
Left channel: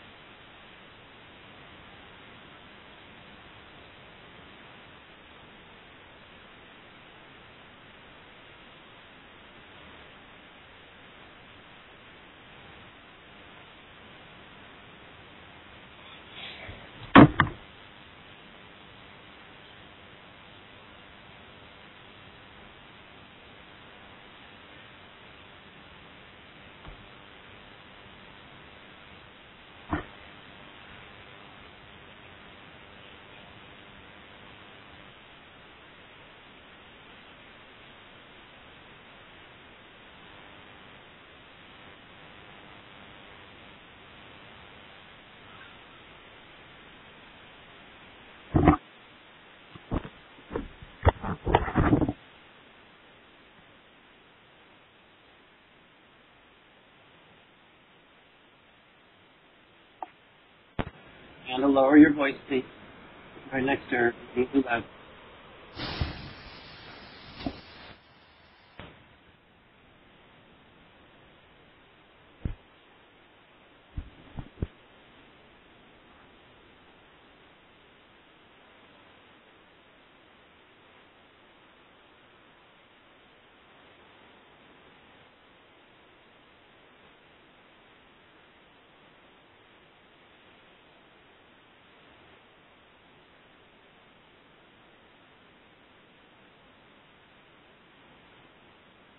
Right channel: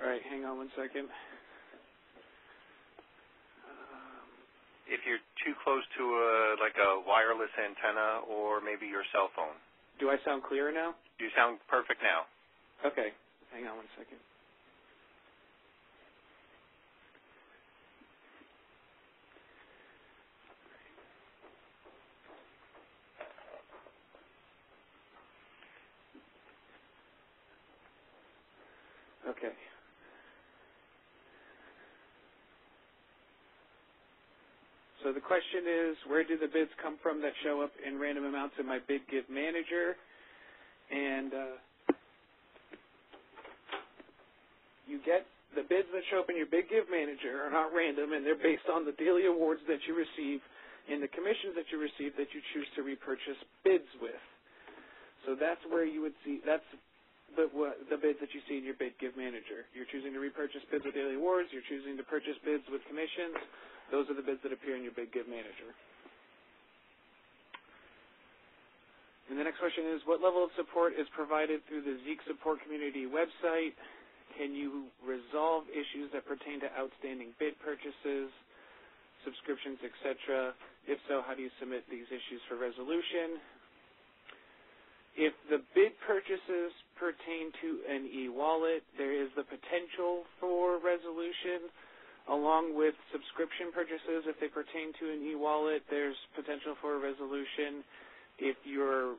All right, hang on 1 second. If you're too close to like a wireless antenna or maybe your cell phone. Do I sound clearer now? You sound perfect now. Okay, hang on 1 second. Okay. So the question is, where do the bids come from that show up in random amounts in my Bid Give Manager? And you get the bids that show up in your Bid Give Manager are not random, and they're based on the daily awards that you receive and the commission that you receive that you choose to repurchase bids with. So that's where you would see, that's the bids that you see in your Bid Give Manager. You're choosing to repurchase bids with daily awards. And to lower your voice, please. With commissions. Right next to her. Those are the bids that are in your Bid Give Manager. And the next question is, what level of support is provided through the Zeek Support Community website? Can you resolve issues that pertain to outstanding bid purchases, subscriptions, etc.? If so, how do you submit these issues for resolution? If the bid purchases pertain to an e-wallet, there is the potential for resolution. Along with subscription purchases, if they pertain to an e-wallet, there's potential for a resolution. If you're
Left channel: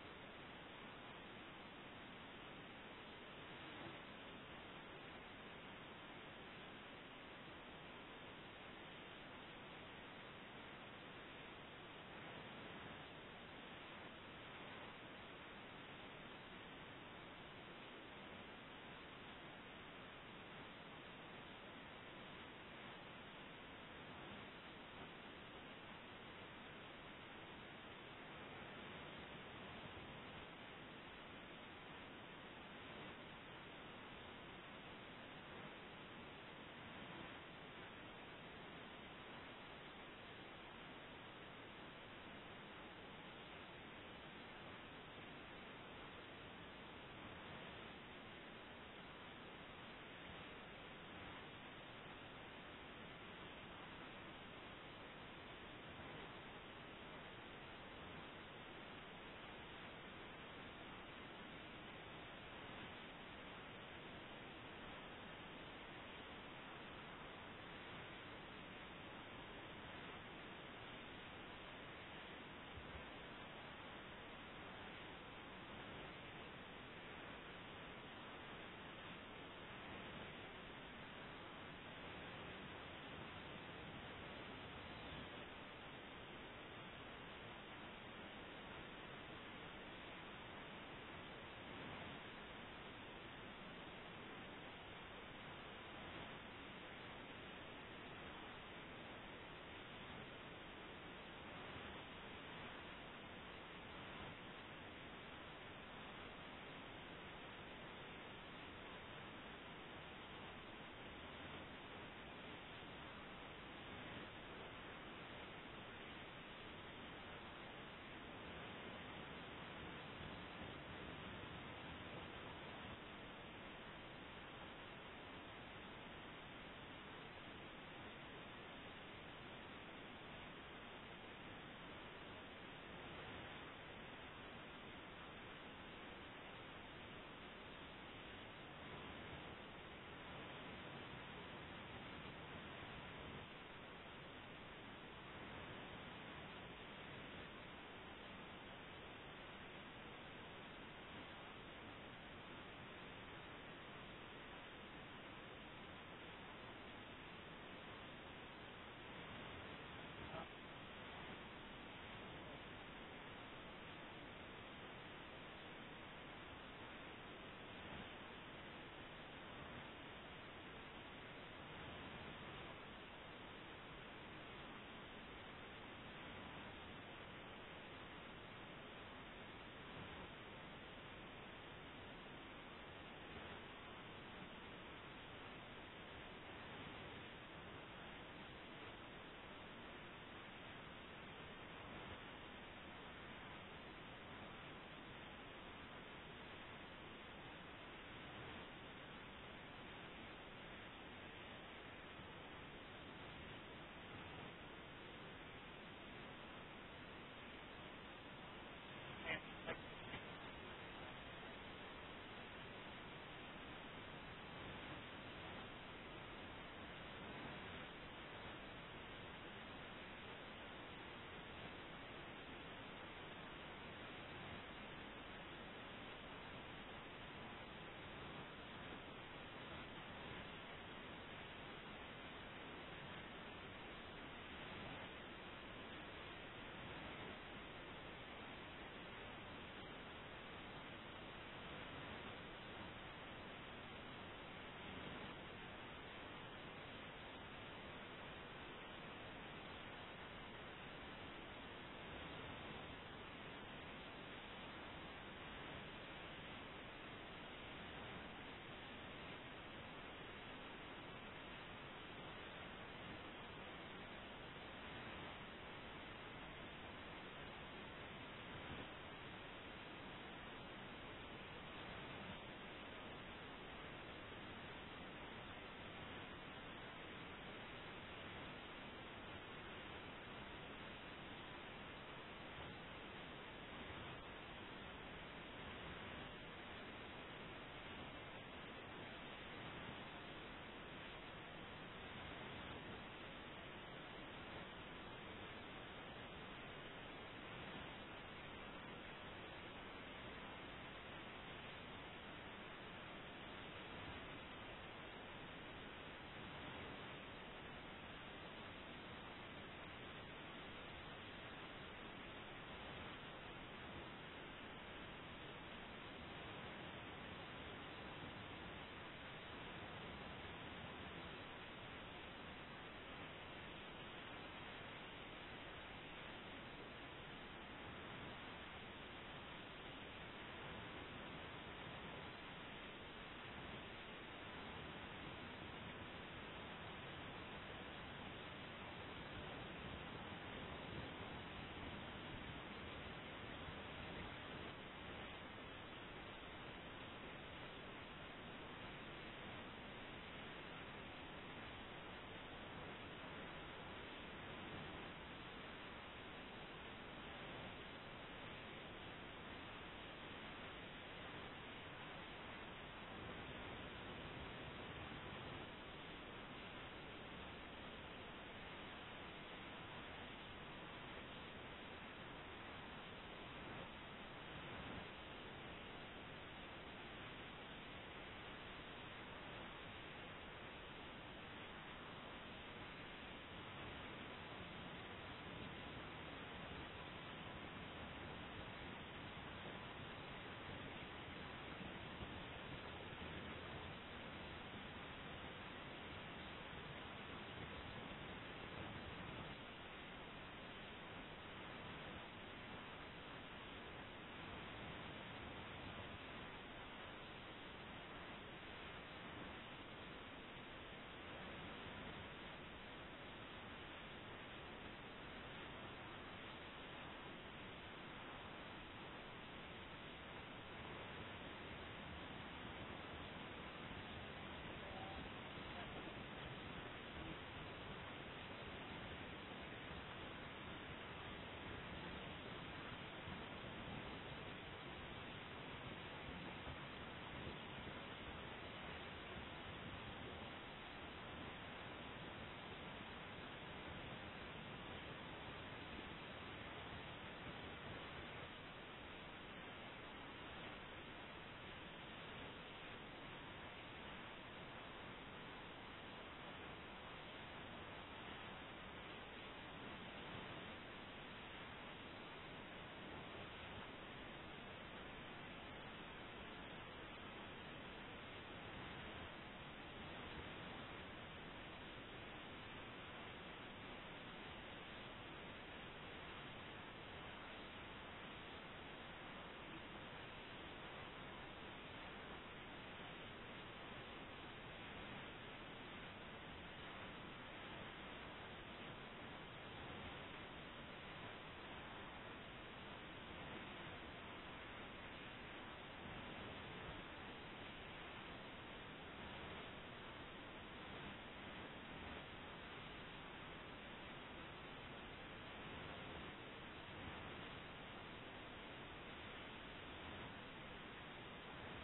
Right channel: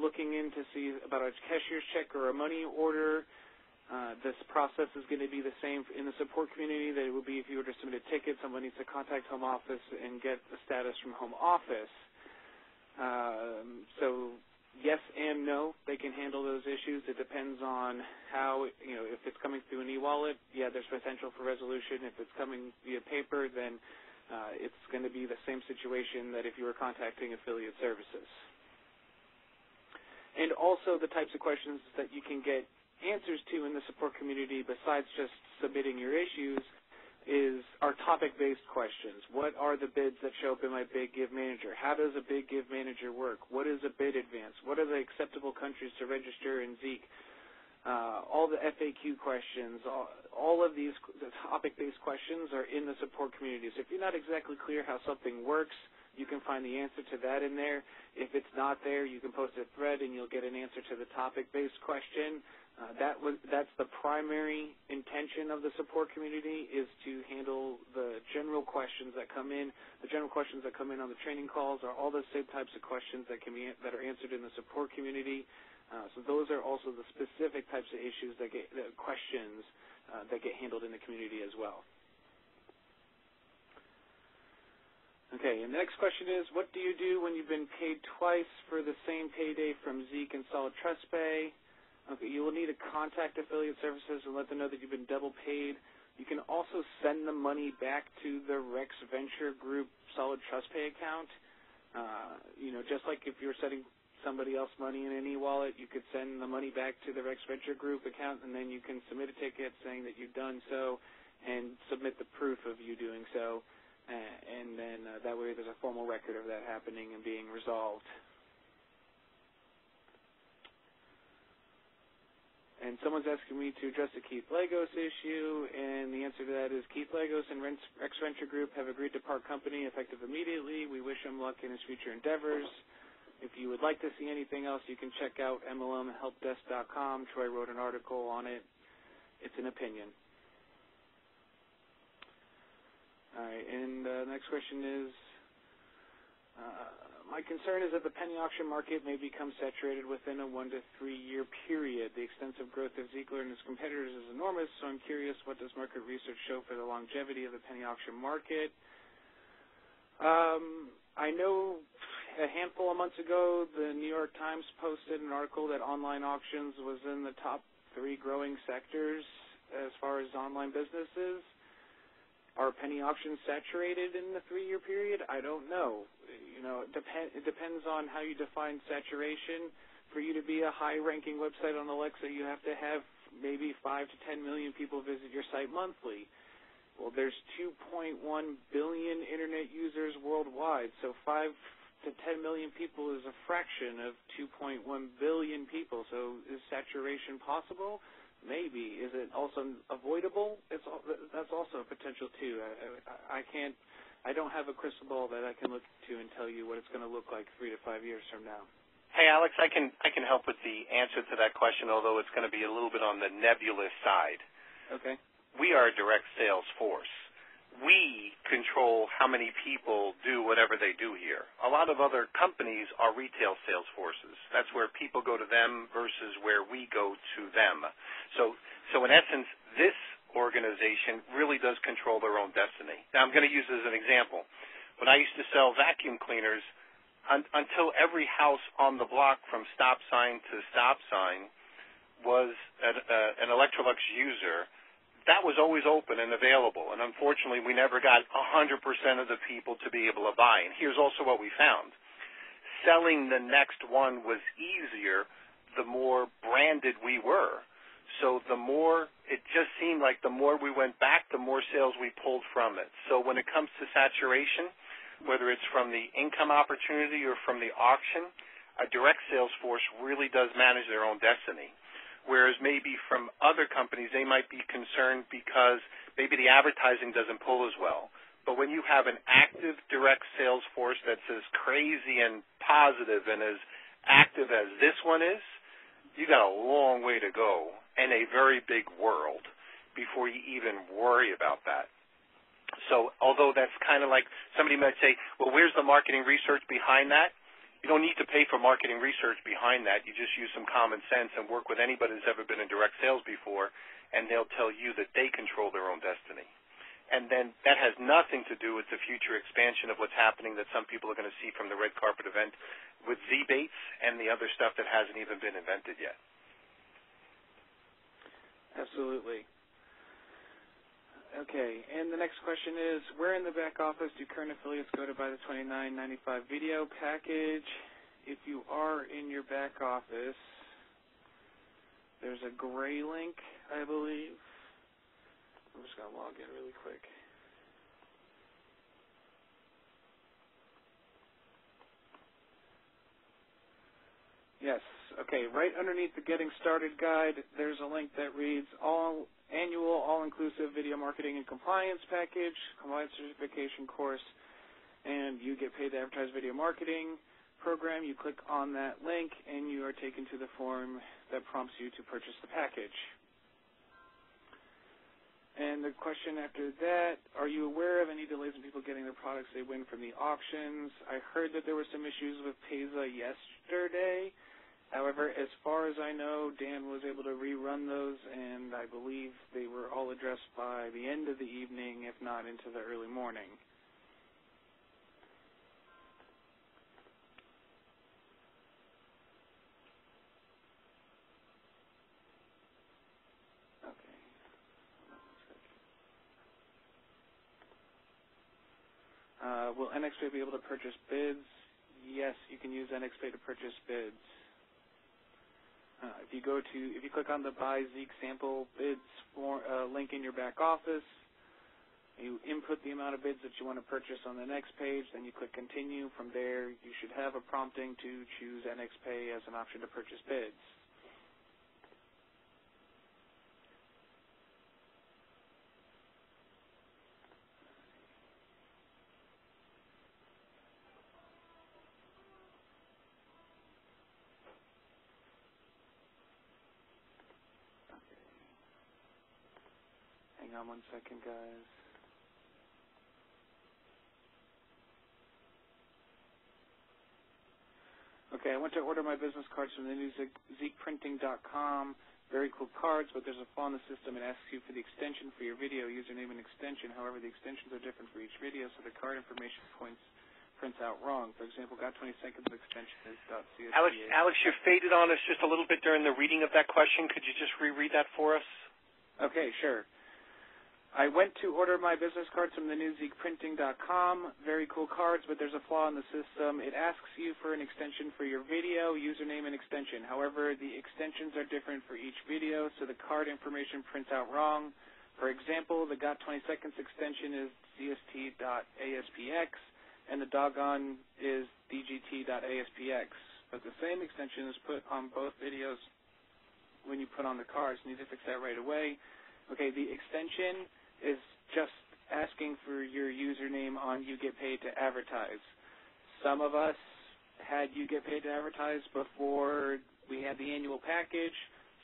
looking in to see about a cashier's check or a money order, this process is going to be the same in the support community that it would be if you were to submit a ticket. Someone needs to contact home office and get the status from home office. So yes and no, they can handle those issues. It depends on how, if it's coming through an e-wallet, yeah, there's potential for resolution. If it's coming via paper, then it's going to be the same situation that if you were contacting affiliate services. And also the types of questions that you can get answers to in the support community besides just submitting your issues are topic-based questions. What are the bids that show up in my Bid Give Manager? How does a Bid Give Manager work? What is a bid advance? What are the acceptable countries to register in Zeek? All the FAQ questions, all of these topic-based questions are in the support community. So if you're not exactly clear how something works, you can find the answer to that in there. If it's not there, you can post a thread and you'll get an answer to the topic-based question. That's the primary intention of the support community, is to handle the general questions that come in. The general questions that come in on the training calls are all the same types of questions that are answered in the support community. So those are also the specific types of issues that get handled in the community as well. Okay, and the next question is, what do you do when you've been paid twice for the same payday from Zeek and Solid Trust Pay? Okay, you will need to contact affiliate services and let them know that you've been double paid. You can also send the money back to the Rex Venture Group Solid Trust Pay account. Just like if you're sending somebody else money in an e-wallet, you could send the money back to the Rex Venture Group account, and then you can submit a ticket saying that you've done so and submit the proof of you doing so. And then that way there's a formal record of that happening and being resolved. And someone's asking me to address the Keith Lagos issue, and the answer to that is Keith Lagos and Rex Venture Group have agreed to part company effective immediately. We wish him luck in his future endeavors. If you would like to see anything else, you can check out MLMHelpDesk.com. Troy wrote an article on it. It's an opinion. All right, and the next question is, my concern is that the penny auction market may become saturated within a 1 to 3 year period. The extensive growth of Ziegler and its competitors is enormous, so I'm curious, what does market research show for the longevity of the penny auction market? I know a handful of months ago, the New York Times posted an article that online auctions was in the top 3 growing sectors as far as online businesses. Are penny auctions saturated in the 3-year period? I don't know. It depends on how you define saturation. For you to be a high-ranking website on Alexa, you have to have maybe 5 to 10 million people visit your site monthly. Well, there's 2.1 billion Internet users worldwide, so 5 to 10 million people is a fraction of 2.1 billion people. So is saturation possible? Maybe. Is it also avoidable? That's also a potential too. I don't have a crystal ball that I can look to and tell you what it's going to look like 3 to 5 years from now. Hey, Alex, I can help with the answer to that question, although it's going to be a little bit on the nebulous side. Okay. We are a direct sales force. We control how many people do whatever they do here. A lot of other companies are retail sales forces. That's where people go to them versus where we go to them. So in essence, this organization really does control their own destiny. Now, I'm going to use this as an example. When I used to sell vacuum cleaners, until every house on the block from stop sign to stop sign was an Electrolux user, that was always open and available. And unfortunately, we never got 100% of the people to be able to buy. And here's also what we found. Selling the next one was easier the more branded we were. So the more, it just seemed like the more we went back, the more sales we pulled from it. So when it comes to saturation, whether it's from the income opportunity or from the auction, a direct sales force really does manage their own destiny. Whereas maybe from other companies, they might be concerned because maybe the advertising doesn't pull as well. But when you have an active direct sales force that's as crazy and positive and as active as this one is, you got a long way to go and a very big world before you even worry about that. So although that's kind of like somebody might say, well, where's the marketing research behind that? You don't need to pay for marketing research behind that. You just use some common sense and work with anybody who's ever been in direct sales before, and they'll tell you that they control their own destiny. And then that has nothing to do with the future expansion of what's happening that some people are going to see from the red carpet event with Z-Bates and the other stuff that hasn't even been invented yet. Absolutely. Okay, and the next question is, where in the back office do current affiliates go to buy the $29.95 video package? If you are in your back office, there's a gray link, I believe. I'm just going to log in really quick. Yes. Okay, right underneath the Getting Started guide, there's a link that reads Annual All-Inclusive Video Marketing and Compliance Package, Compliance Certification Course, and you get paid to advertise video marketing program. You click on that link, and you are taken to the form that prompts you to purchase the package. And the question after that, are you aware of any delays in people getting the products they win from the auctions? I heard that there were some issues with Teza yesterday. However, as far as I know, Dan was able to rerun those, and I believe they were all addressed by the end of the evening, if not into the early morning. Will NXPay be able to purchase bids? Yes, you can use NXPay to purchase bids. If you click on the Buy Zeek Sample Bids link in your back office, you input the amount of bids that you want to purchase on the next page, then you click Continue. From there, you should have a prompting to choose NXPay as an option to purchase bids. Hang on 1 second, guys. Okay, I went to order my business cards from the new ZeekPrinting.com. Very cool cards, but there's a flaw in the system. It asks you for the extension for your video, username and extension. However, the extensions are different for each video, so the card information prints out wrong. For example, got 20 seconds of extension is Alex, you faded on us just a little bit during the reading of that question. Could you just reread that for us? Okay, sure. I went to order my business cards from thenewzeekprinting.com. Very cool cards, but there's a flaw in the system. It asks you for an extension for your video, username, and extension. However, the extensions are different for each video, so the card information prints out wrong. For example, the Got 20 Seconds extension is dst.aspx, and the doggone is dgt.aspx. But the same extension is put on both videos when you put on the cards. You need to fix that right away. Okay, the extension is just asking for your username on You Get Paid to Advertise. Some of us had You Get Paid to Advertise before we had the annual package.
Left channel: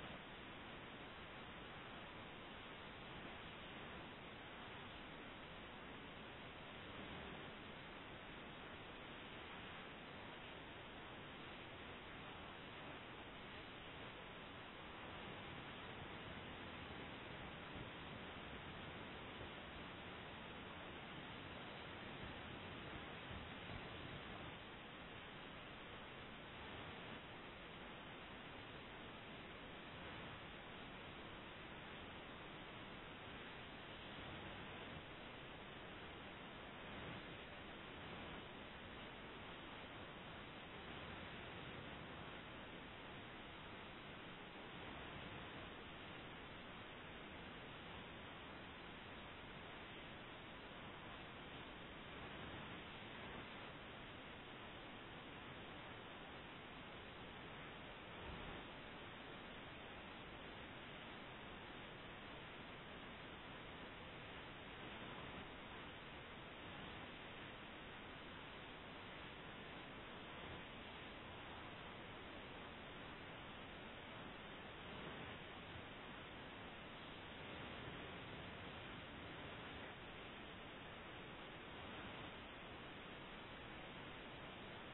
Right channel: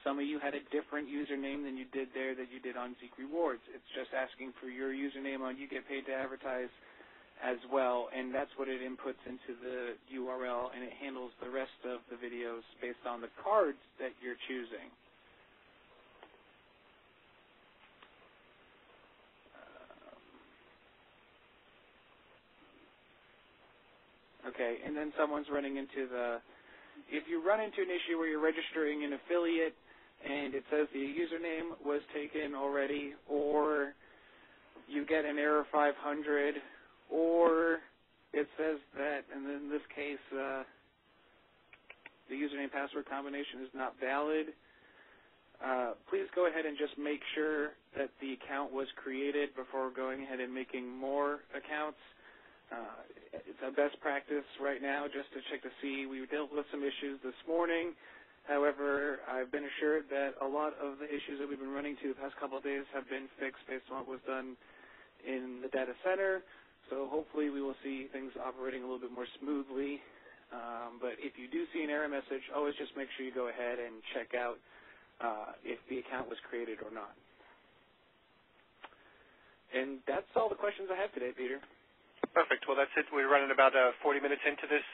Some of you had a different username than you did there that you did on Zeek Rewards. It's just asking for your username on You Get Paid to Advertise as well, and that's what it inputs into the URL, and it handles the rest of the videos based on the cards that you're choosing. Okay, and then someone's running into if you run into an issue where you're registering an affiliate and it says the username was taken already, or you get an error 500, or it says that, and in this case, the username password combination is not valid, please go ahead and just make sure that the account was created before going ahead and making more accounts. It's a best practice right now just to check to see. We dealt with some issues this morning. However, I've been assured that a lot of the issues that we've been running to the past couple of days have been fixed based on what was done in the data center. So hopefully we will see things operating a little bit more smoothly. But if you do see an error message, always just make sure you go ahead and check out if the account was created or not. And that's all the questions I have today, Peter. Perfect. Well, that's it. We're running about 40 minutes into this.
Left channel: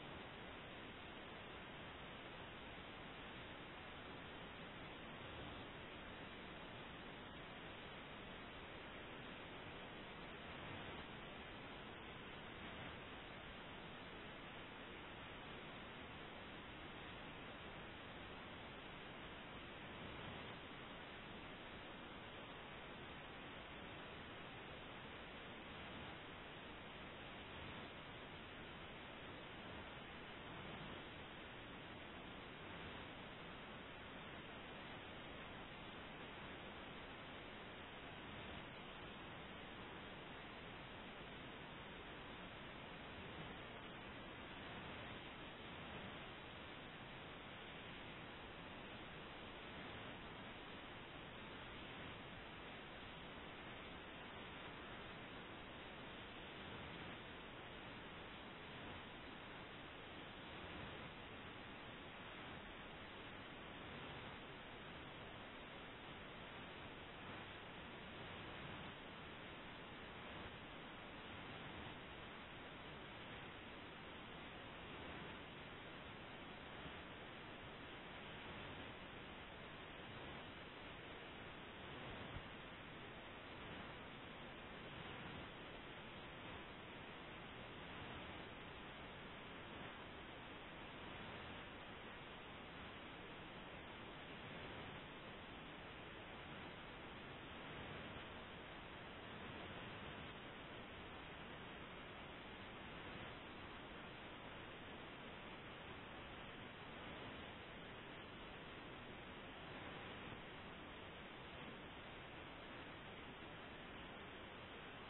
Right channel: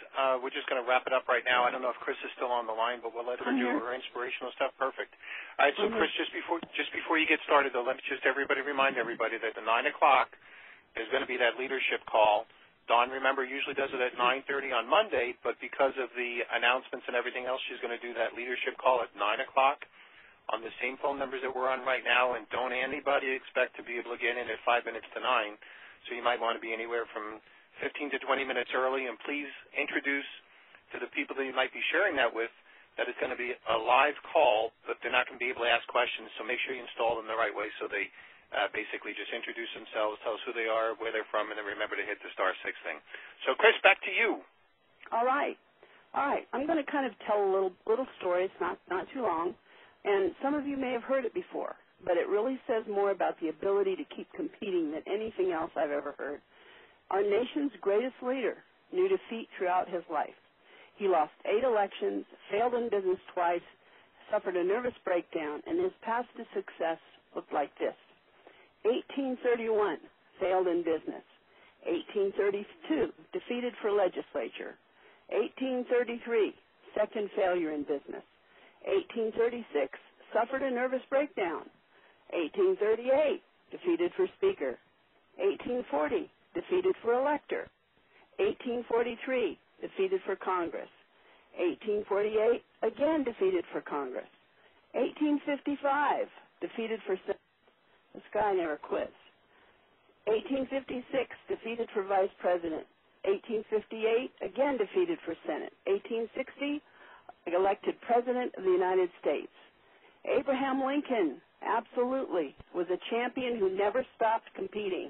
We're just going to wrap it up right now. I don't know if Chris is still on the line, but we'll let her do her inspirational stuff. Perfect. All right, so Chris, just before you get started, though, let me just remind everybody that at 9 o'clock there's going to be that leadership call. Dawn, remember, usually does it at 9:30 on Monday, but because of the announcements and everything else, she's going to do that leadership call at 9 o'clock on the same phone numbers that we're on right now, and don't anybody expect to be able to get in at 5 minutes to 9. So you might want to be anywhere from 15 to 20 minutes early, and please introduce to the people that you might be sharing that with that it's going to be a live call, but they're not going to be able to ask questions, so make sure you install them the right way so they basically just introduce themselves, tell us who they are, where they're from, and then remember to hit the *6 thing. So, Chris, back to you. All right. I'm going to kind of tell a little story. It's not too long, and some of you may have heard it before, but it really says more about the ability to keep competing than anything else I've ever heard. Our nation's greatest leader knew defeat throughout his life. He lost 8 elections, failed in business twice, suffered a nervous breakdown, and his path to success looked like this. 1831, failed in business. 1832, defeated for legislature. 1833, second failure in business. 1836, suffered a nervous breakdown. 1838, defeated for Speaker. 1840, defeated for Elector. 1843, defeated for Congress. 1848, again defeated for Congress. 1855, defeated for Senate. This guy never quits. 1856, defeated for Vice President. 1858, again defeated for Senate. 1860, elected President of the United States. Abraham Lincoln, absolutely, was a champion who never stopped competing,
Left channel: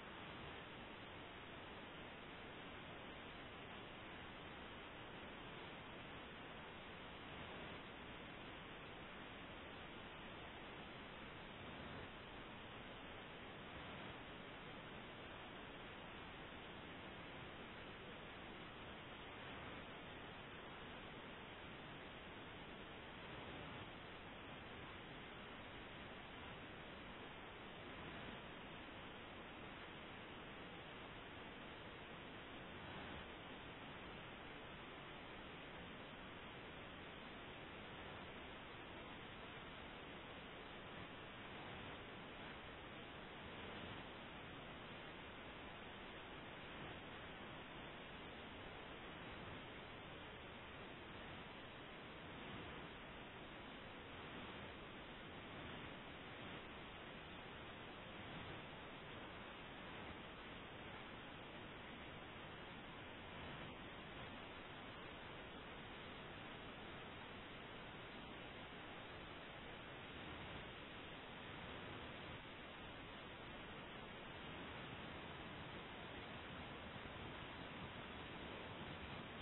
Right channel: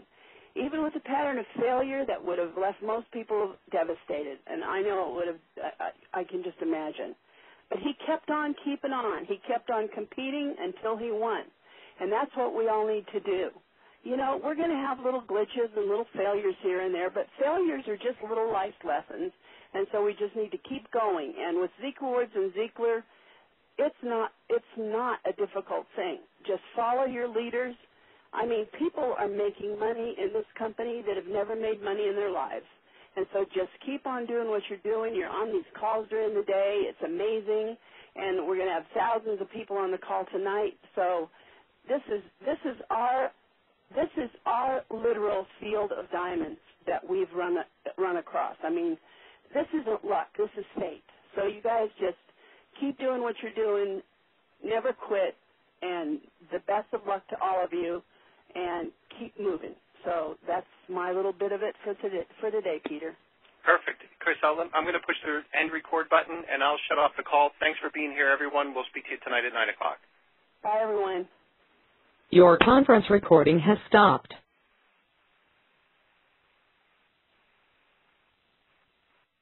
even with a pattern of failure that would have left most people devastated. And I know it would have, I can just imagine. But he kept on keeping on. He kept on competing until he won. And that's what we all need to do. You know, we're going to have little glitches and little failures here and there, but failures are just little life lessons, and so we just need to keep going. And with Zeek Rewards and Zeekler, it's not a difficult thing. Just follow your leaders. I mean, people are making money in this company that have never made money in their lives. And so just keep on doing what you're doing. You're on these calls during the day. It's amazing. And we're going to have thousands of people on the call tonight. So this is our literal field of diamonds that we've run across. I mean, this isn't luck. This is fate. So you guys just keep doing what you're doing. Never quit. And the best of luck to all of you. and keep moving. So that's my little bit of it for today, Peter. Perfect. Chris, I'm going to push the end record button, and I'll shut off the call. Thanks for being here, everyone. We'll speak to you tonight at 9 o'clock. Bye, everyone. Your conference recording has stopped.